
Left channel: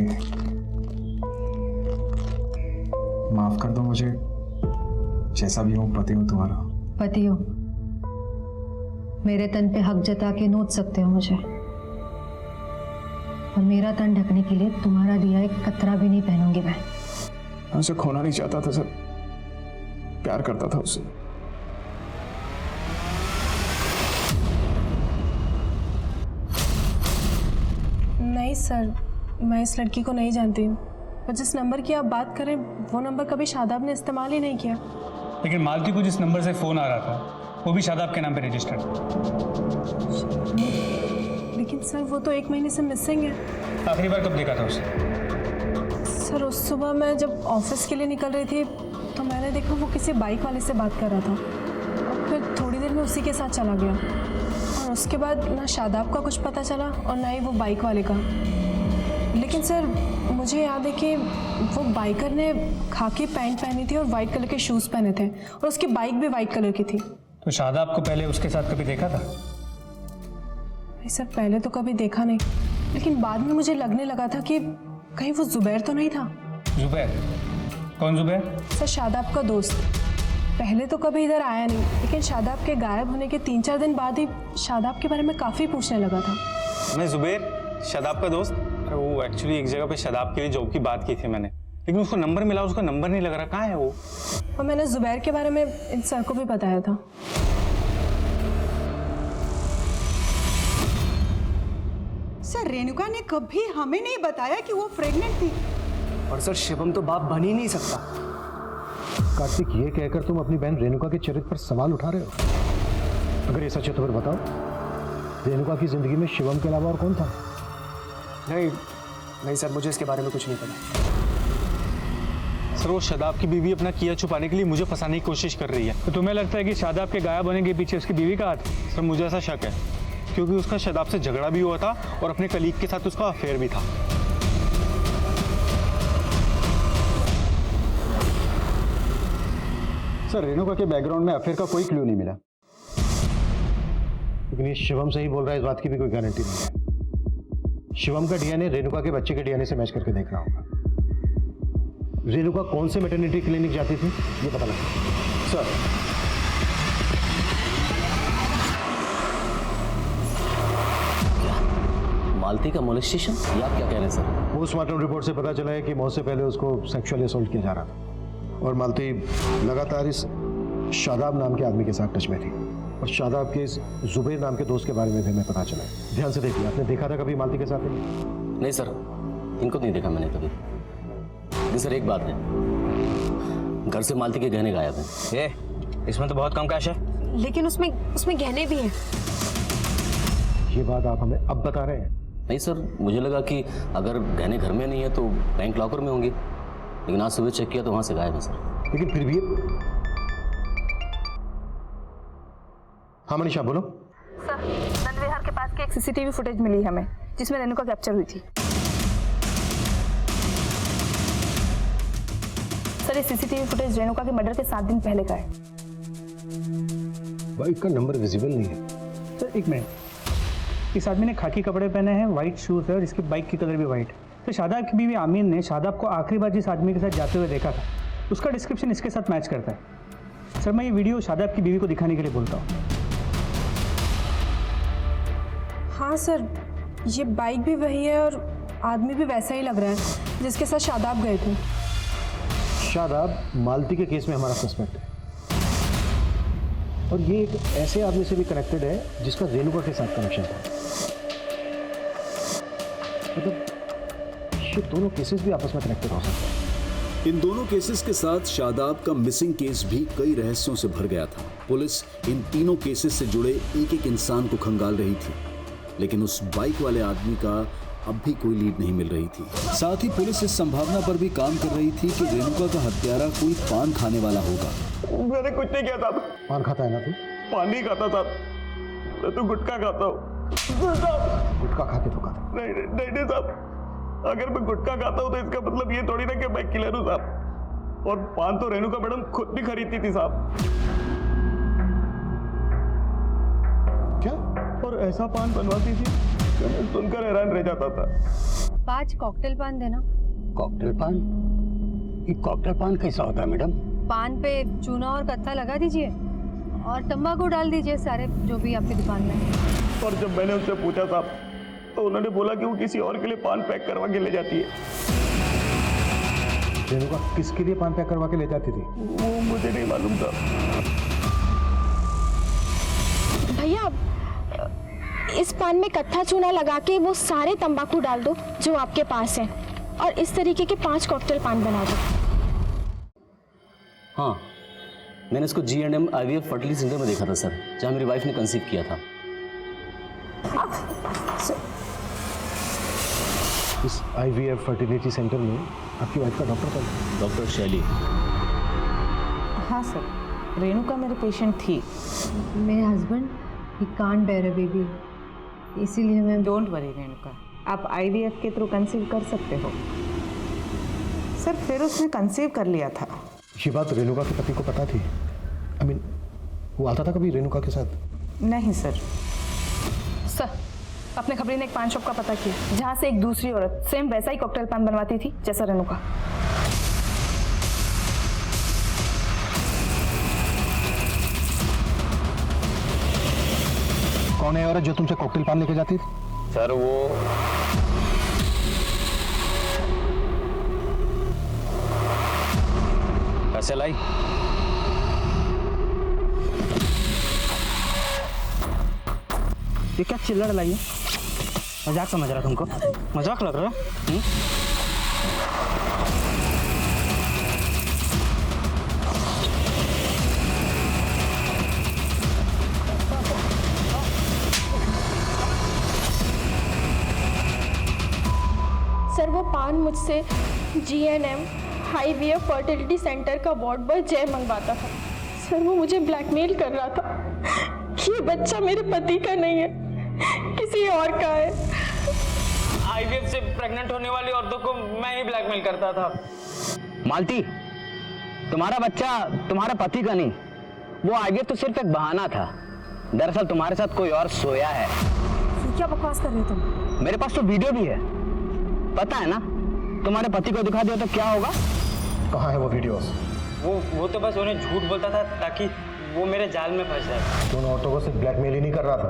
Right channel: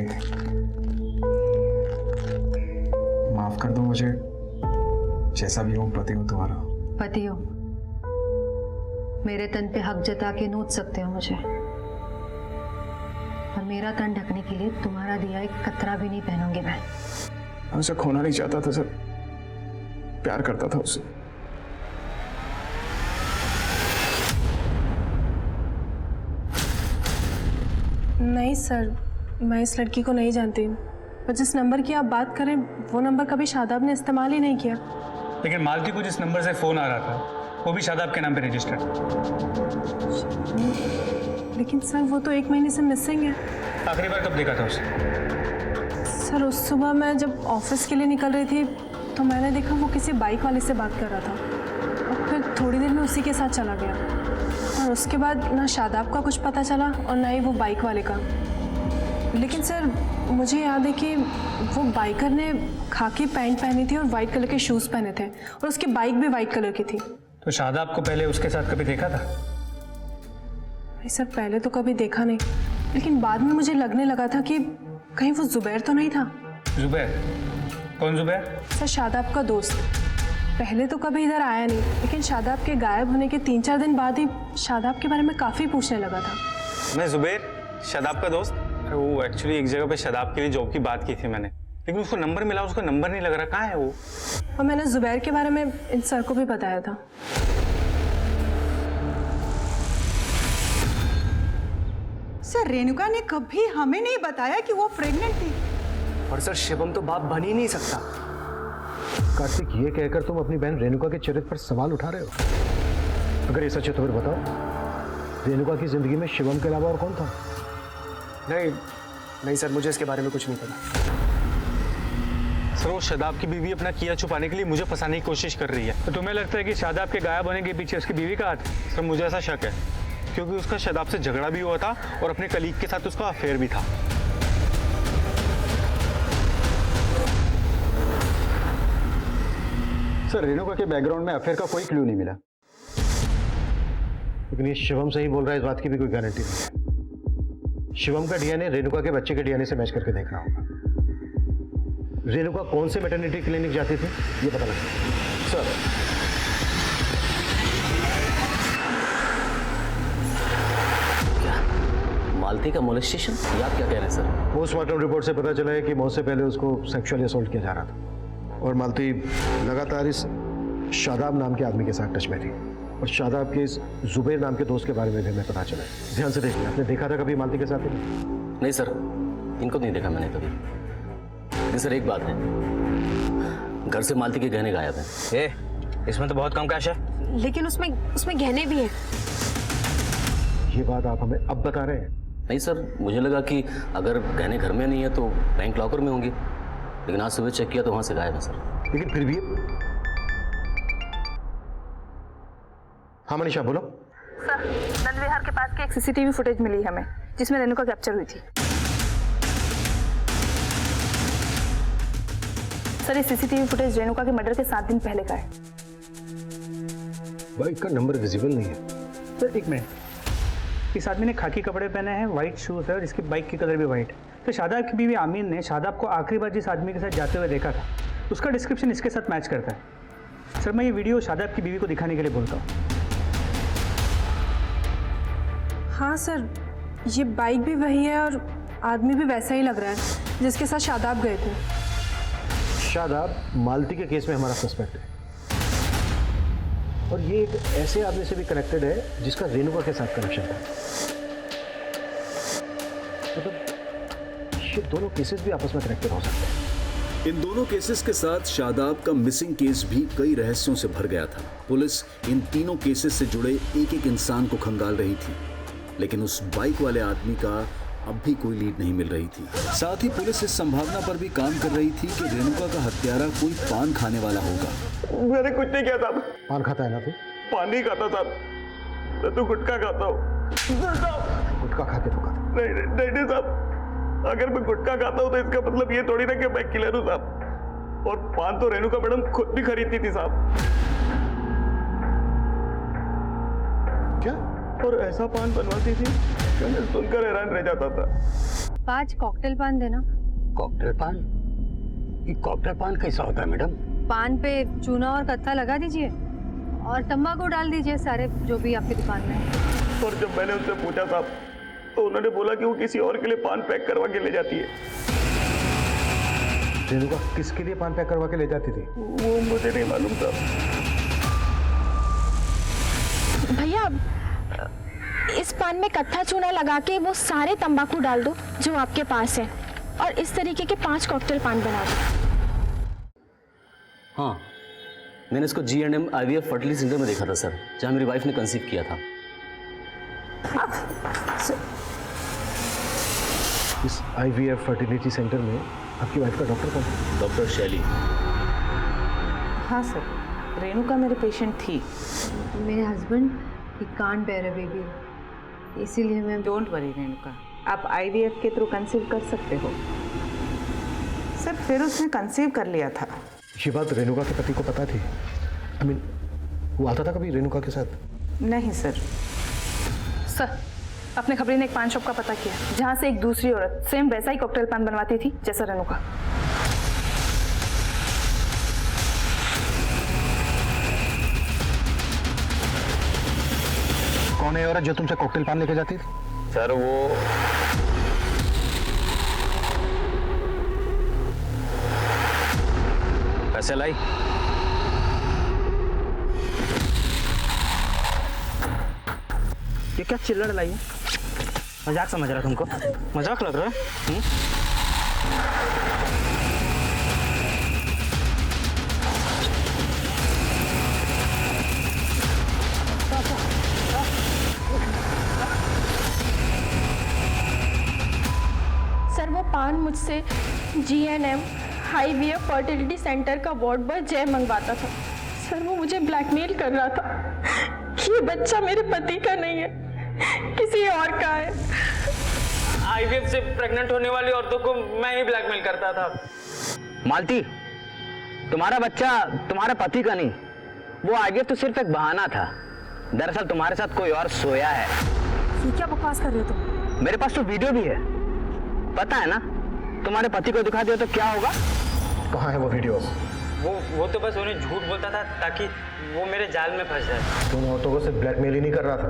माफ कर दो मुझे। जैसा भी हूँ पति हूँ तुम्हारा। पति हो, मेरे तन पे हक जता के नोच सकते हो मुझे, और मेरा तन ढकने के लिए तुम्हारा दिया एक कतरा भी नहीं पहनूंगी मैं। उसे खोना नहीं चाहता था सर, प्यार करता था उससे। नहीं सर, मैं इस लड़की को नहीं जानती, पर जिस नंबर की आप बात करें वो नंबर कभी शादाब ने इस्तेमाल ही नहीं किया। लेकिन मालती को जिस नंबर से फ़ोन आ रहा था वो भी शादाब के नाम पे रजिस्टर्ड। लेकिन सर वो तो 1 महीने से मिसिंग है। आखिरी बार कब देखा था उसे? सर उस सुबह मैं जब ऑफिस के लिए निकल रही थी तो मैंने देखा वो किसी बाइक वाले से बात कर रहा था, और फिर थोड़ी देर में उसी के साथ चला गया। और उसके बाद ना शादाब का कुछ पता चला और ना ही वो बाइक वाले का। लेकिन सर मुझे याद है कि वो बाइकर ने खाकी पैंट पहनी थी और वाइट कलर के शूज़ पहने थे, और उसकी बाइक भी वाइट कलर की थी। तो शादाब को पहले उसके साथ कभी देखा था? नहीं सर, पहले तो कभी देखा नहीं, लेकिन बाद में मुझे लगने लगा था कि कहीं वो जुबैर तो नहीं था। जुबैर? कौन जुबैर? सर शादाब का दोस्त। पहले तो कभी इधर आया नहीं, लेकिन शादाब के गायब होने के 3-4 दिन बाद ही शादाब के बारे में काफ़ी पूछने लगा था। मैं जुबैर, शादाब का दोस्त। अरे वो एक्चुअली एक जगह पे शादाब के लिए जॉब की बात की थी मैंने, लेकिन उसको नंबर मिला, उसका नंबर नहीं लग रहा। कहाँ है वो? और मैंने जुबैर के बारे में इन सर को भी बताया था। सर रेणुका ने कभी हमें नहीं बताया कि वो प्रेग्नेंट थी। और सर शिवम तो बाप बन ही नहीं सकता। कार्तिक, ये कहकर तुम अपनी बहन रेणुका के चरित्र पर सवाल उठा रहे हो? अगर ये सच है तो फिर बताओ, रेणुका की जिंदगी में शिवम के अलावा और कौन था? नहीं सर, मुझे इसके बारे में कुछ नहीं पता। सर वो शादाब की बीवी अपना किया छुपाने के लिए मुझे फंसाने की कोशिश कर रही है। तो तुम्हें लगता है कि शादाब के गायब होने के पीछे उसकी बीवी का हाथ? सर मुझे ऐसा शक है, क्योंकि उसका शादाब से झगड़ा भी हुआ था और अपने कलीग के साथ उसका अफेयर भी था। सर रेणुका के बैकग्राउंड में अफेयर का कोई क्लू नहीं मिला। लेकिन ये शिवम से ही बोल रहा है, इस बात की भी कोई गारंटी नहीं है। शिवम का डीएनए रेणुका के बच्चे के डीएनए से मैच करके देखना होगा। रेणुका कौन से मैटरनिटी क्लिनिक जाती थी ये पता लगा। सर क्या मालती का मोलेस्टेशन? ये आप क्या कह रहे हैं सर? पोस्टमार्टम रिपोर्ट से पता चला है कि मौत से पहले उसको सेक्सुअली असॉल्ट किया जा रहा था, और मालती लगातार इस शादाब नाम के आदमी के साथ टच में थी। और शादाब के इस जुबैर नाम के दोस्त के बारे में भी हमें पता चला है। ध्यान से देखिए, आपने देखा था कभी मालती के साथ? नहीं सर, इनको नहीं देखा मैंने कभी। लेकिन सर एक बात है, घर से मालती के गहने गायब हैं। इसमें तो बहुत कम कैश है। लेकिन उसमें गहने भी हैं। ये बात आप हमें अब बता रहे हैं? नहीं सर, मुझे लगा कि अगर गहने घर में नहीं है तो बैंक लॉकर में होंगे, लेकिन आज सुबह चेक किया तो वहां से गायब है सर। लेकिन फिर भी हाँ मनीषा बोलो। सर नंद विहार के पास की एक सीसीटीवी फुटेज मिली हमें, जिसमें रेणुका कैप्चर हुई थी। सर ये सीसीटीवी फुटेज रेणुका के मर्डर के 7 दिन पहले का है। बाइक का नंबर विजिबल नहीं है। सर एक मिनट, इस आदमी ने खाकी कपड़े पहने हैं, वाइट शूज़ है और इसकी बाइक की कलर भी वाइट है। तो शादाब की बीवी आमीन ने शादाब को आखिरी बार जिस आदमी के साथ जाते हुए देखा था उसका डिस्क्रिप्शन इसके साथ मैच करता है। सर मैं ये वीडियो शादाब की बीवी को दिखाने के लिए बोलता हूँ। हाँ सर, ये बाइक भी वही है और आदमी भी वैसा ही लग रहा है जिसके साथ शादाब गए थे। शादाब मालती के केस में हमारा सस्पेक्ट है और ये एक ऐसे आदमी से भी कनेक्टेड है जिसका रेणुका के साथ कनेक्शन था। मतलब ये दोनों केसेस भी आपस में कनेक्टेड हो सकते हैं। इन दोनों केसेस के साथ शादाब का मिसिंग केस भी कई रहस्यों से भर गया था। पुलिस इन तीनों केसेस से जुड़े एक एक इंसान को खंगाल रही थी, लेकिन उस बाइक वाले आदमी का अब भी कोई लीड नहीं मिल रही थी। साथ ही पुलिस इस संभावना पर भी काम कर रही थी कि रेणुका का हत्यारा कोई पान खाने वाला होगा। मैंने कुछ नहीं किया साहब। पान खाता है ना तू? पान नहीं खाता साहब, मैं तो गुटखा खाता हूँ। गुटखा खा के धोखा? नहीं साहब, अगर मैं गुटखा खाता हूँ तो इसका मतलब ये थोड़ी ना कि मैं किलर हूँ साहब। और पान तो रेणुका मैडम खुद भी खरीदती थी साहब। क्या? और ऐसा पान बनवाती थी कि मैं सुनकर हैरान रह जाता था। 5 कॉकटेल पान देना। कॉकटेल पान? ये कॉकटेल पान कैसा होता है मैडम? पान पे चूना और कत्था लगा दीजिए और तंबाकू डाल दीजिए सारे जो भी आपकी दुकान में है। और जब मैंने उनसे पूछा साहब तो उन्होंने बोला कि वो किसी और के लिए पान पैक करवा के ले जाती है। रेणुका किसके लिए पान पैक करवा के ले जाती थी? वो मुझे नहीं मालूम था। भैया इस पान में कत्था चूना लगा के वो सारे तंबाकू डाल दो जो आपके पास है और इस तरीके के 5 कॉकटेल पान बना दो। हाँ, मैंने इसको G&M IVF फर्टिलिटी सेंटर में देखा था सर, जहाँ मेरी वाइफ ने कंसीव किया था। इस IVF फर्टिलिटी सेंटर में आपकी वाइफ का डॉक्टर कौन? डॉक्टर शैली। हाँ सर, रेणुका मेरे पेशेंट थी। मेरे हस्बैंड ही कांट बेयर अ बेबी, इसीलिए मैं। डोंट वरी रेणुका, आप IVF के थ्रू कंसीव कर सकते हो। सर फिर उसने कंसीव कर लिया था। ये बात रेणुका के पति को पता थी? I mean, वो आता था कभी रेणुका के साथ? नहीं सर। सर अपने खबरी ने एक पान शॉप का पता किया जहाँ से एक दूसरी औरत सेम वैसा ही कॉकटेल पान बनवाती थी जैसा रेणुका। कौन है औरत जो तुमसे कॉकटेल पान लेके जाती थी? सर वो पैसे लाई। ये क्या चिल्लड़ लाई है? मजाक समझ रहा तुमको? मजाक लग रहा है? सर वो पान मुझसे G&M IVF फर्टिलिटी सेंटर का वार्ड बॉय जय मंगवाता था। सर वो मुझे ब्लैकमेल कर रहा था कि ये बच्चा मेरे पति का नहीं है, किसी और का है। IVF से प्रेग्नेंट होने वाली औरतों को मैं ही ब्लैकमेल करता था। मालती, तुम्हारा बच्चा तुम्हारे पति का नहीं, वो IVF तो सिर्फ एक बहाना था। दरअसल तुम्हारे साथ कोई और सोया है। ये क्या बकवास कर रहे हो तुम? मेरे पास तो वीडियो भी है, पता है ना? तुम्हारे पति को दिखा दिया तो क्या होगा? कहाँ है वो वीडियो? वो तो बस उन्हें झूठ बोलता था ताकि वो मेरे जाल में फंस जाए। तो उन औरतों को सिर्फ ब्लैकमेल ही नहीं कर रहा था,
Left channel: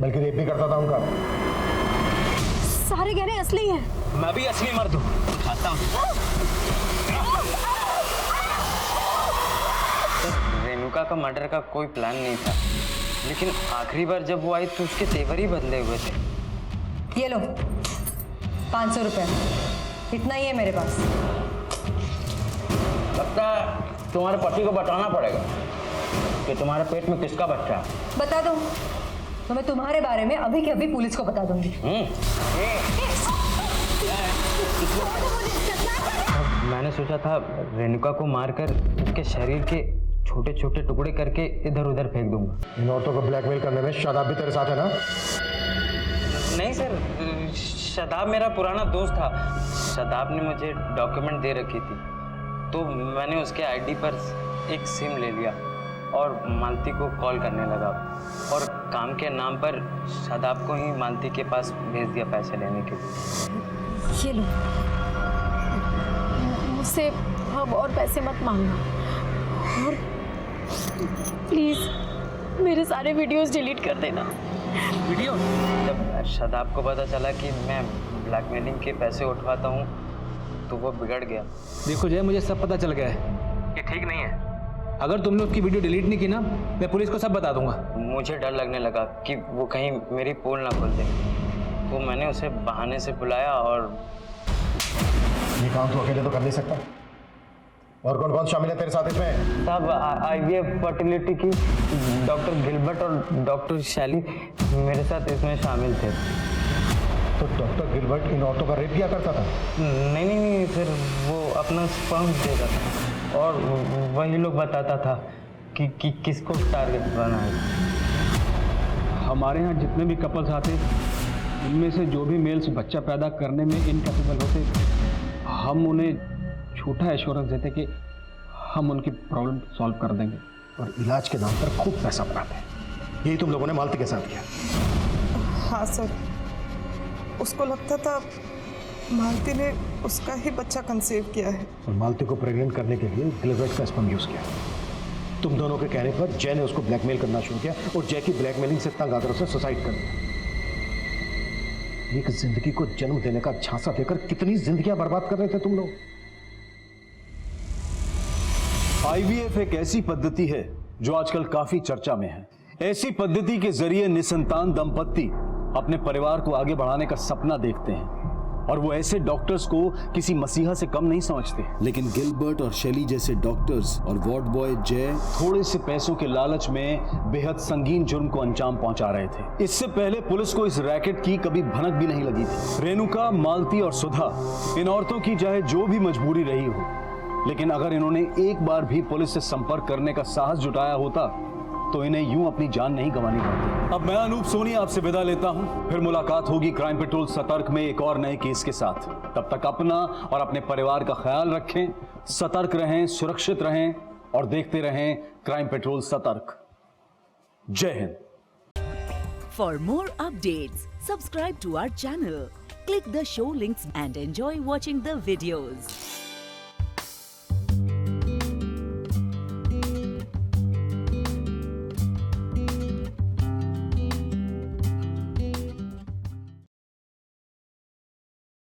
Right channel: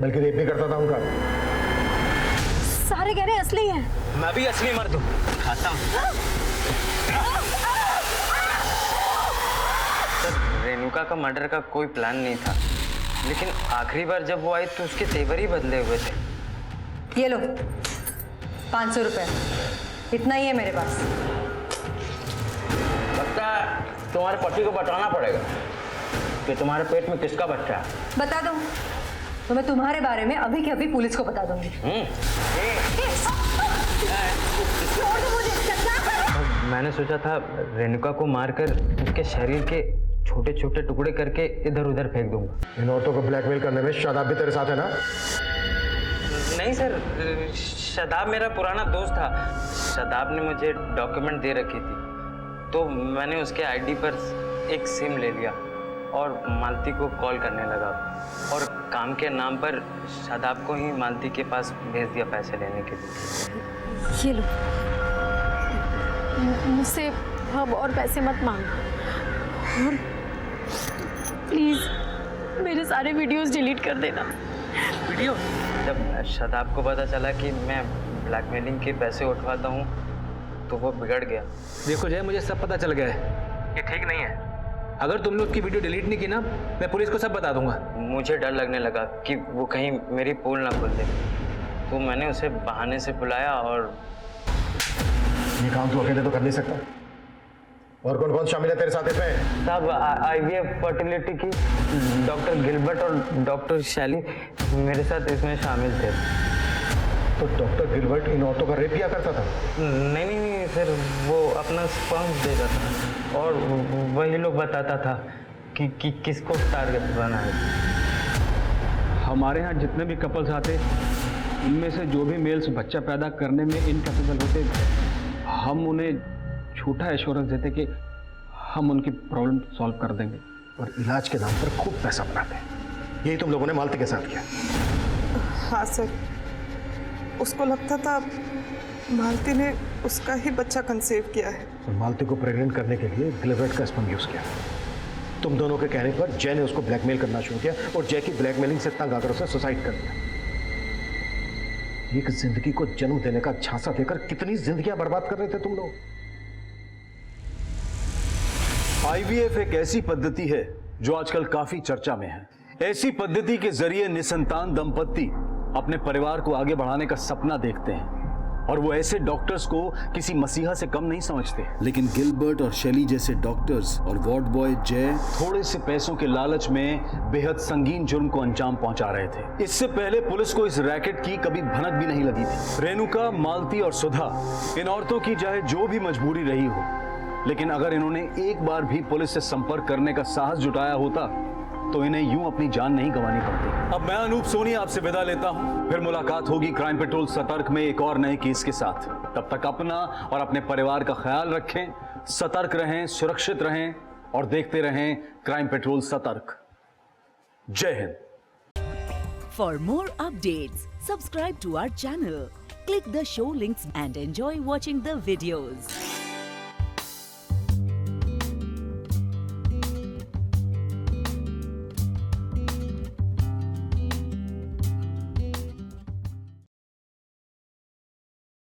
बल्कि रेप भी करता था उनका। सारे गहने असली हैं। मैं भी असली मर्द हूँ, खाता हूँ। सर रेणुका का मर्डर का कोई प्लान नहीं था, लेकिन आखिरी बार जब वो आई तो उसके तेवर ही बदले हुए थे। ये लो 500 रुपए, इतना ही है मेरे पास। लगता है तुम्हारे पति को बताना पड़ेगा कि तुम्हारे पेट में किसका बच्चा है। बता दूं तो मैं तुम्हारे बारे में अभी के अभी पुलिस को बता दूंगी। मैंने सोचा था रेणुका को मारकर उसके शरीर के छोटे छोटे टुकड़े करके इधर उधर फेंक दूंगा। इन औरतों को ब्लैकमेल करने में शादाब भी तेरे साथ है ना? नहीं सर, शादाब मेरा पुराना दोस्त था। शादाब ने मुझे डॉक्यूमेंट दे रखी थी, तो मैंने उसके आईडी पर एक सिम ले लिया और मालती को कॉल करने लगा और काम के नाम पर शादाब को ही मालती के पास भेज दिया पैसे लेने के लिए। ये लो, मुझसे अब और पैसे मत मांगना और प्लीज़ मेरे सारे वीडियोस डिलीट कर देना। वीडियो? जब शादाब को पता चला कि मैं ब्लैकमेलिंग के पैसे उठवाता हूँ तो वो बिगड़ गया। देखो जय, मुझे सब पता चल गया है। ये ठीक नहीं है। अगर तुमने उसकी वीडियो डिलीट नहीं की ना, मैं पुलिस को सब बता दूंगा। मुझे डर लगने लगा कि वो कहीं मेरी पोल ना खोल दे, तो मैंने उसे बहाने से बुलाया और ये काम तू अकेले तो कर नहीं सकता। और कौन कौन शामिल है तेरे साथ इसमें? सब IVF फर्टिलिटी की डॉक्टर गिलबर्ट और डॉक्टर शैली मेरे साथ इसमें शामिल थे। तो डॉक्टर गिलबर्ट इन औरतों का रेप किया करता था? नहीं सर, वो अपना स्पर्म देता था और वही लोग बताता था कि किसको टारगेट बनाए। हमारे यहाँ जितने भी कपल्स आते उनमें से जो भी मेल्स बच्चा पैदा करने में इनकैपेबल होते, हम उन्हें झूठा एश्योरेंस देते कि हम उनकी प्रॉब्लम सॉल्व कर देंगे। और इलाज के नाम पर खूब पैसा बनाते हैं। यही तुम लोगों ने मालती के साथ किया? हाँ सर, उसको लगता था मालती ने उसका ही बच्चा कंसीव किया है। और मालती को प्रेग्नेंट करने के लिए गिलबर्ट का स्पर्म यूज किया। तुम दोनों के कहने पर जय ने उसको ब्लैकमेल करना शुरू किया और जय की ब्लैकमेलिंग से तंग आकर उसने सुसाइड कर दिया। एक जिंदगी को जन्म देने का झांसा देकर कितनी जिंदगियां बर्बाद कर रहे थे तुम लोग। IVF एक ऐसी पद्धति है जो आजकल काफी चर्चा में है। ऐसी पद्धति के जरिए निसंतान दंपत्ति अपने परिवार को आगे बढ़ाने का सपना देखते हैं और वो ऐसे डॉक्टर्स को किसी मसीहा से कम नहीं समझते। लेकिन गिलबर्ट और शैली जैसे डॉक्टर्स और वार्ड बॉय जय थोड़े से पैसों के लालच में बेहद संगीन जुर्म को अंजाम पहुंचा रहे थे। इससे पहले पुलिस को इस रैकेट की कभी भनक भी नहीं लगी थी। रेणुका, मालती और सुधा, इन औरतों की चाहे जो भी मजबूरी रही हो, लेकिन अगर इन्होंने एक बार भी पुलिस से संपर्क करने का साहस जुटाया होता तो इन्हें यूं अपनी जान नहीं गंवानी पड़ती। अब मैं अनूप सोनी आपसे विदा लेता हूं। फिर मुलाकात होगी क्राइम पेट्रोल सतर्क में एक और नए केस के साथ। तब तक अपना और अपने परिवार का ख्याल रखें, सतर्क रहें, सुरक्षित रहें और देखते रहें क्राइम पेट्रोल सतर्क। जय हिंद। For more updates subscribe to our channel, click the show links and enjoy watching the videos.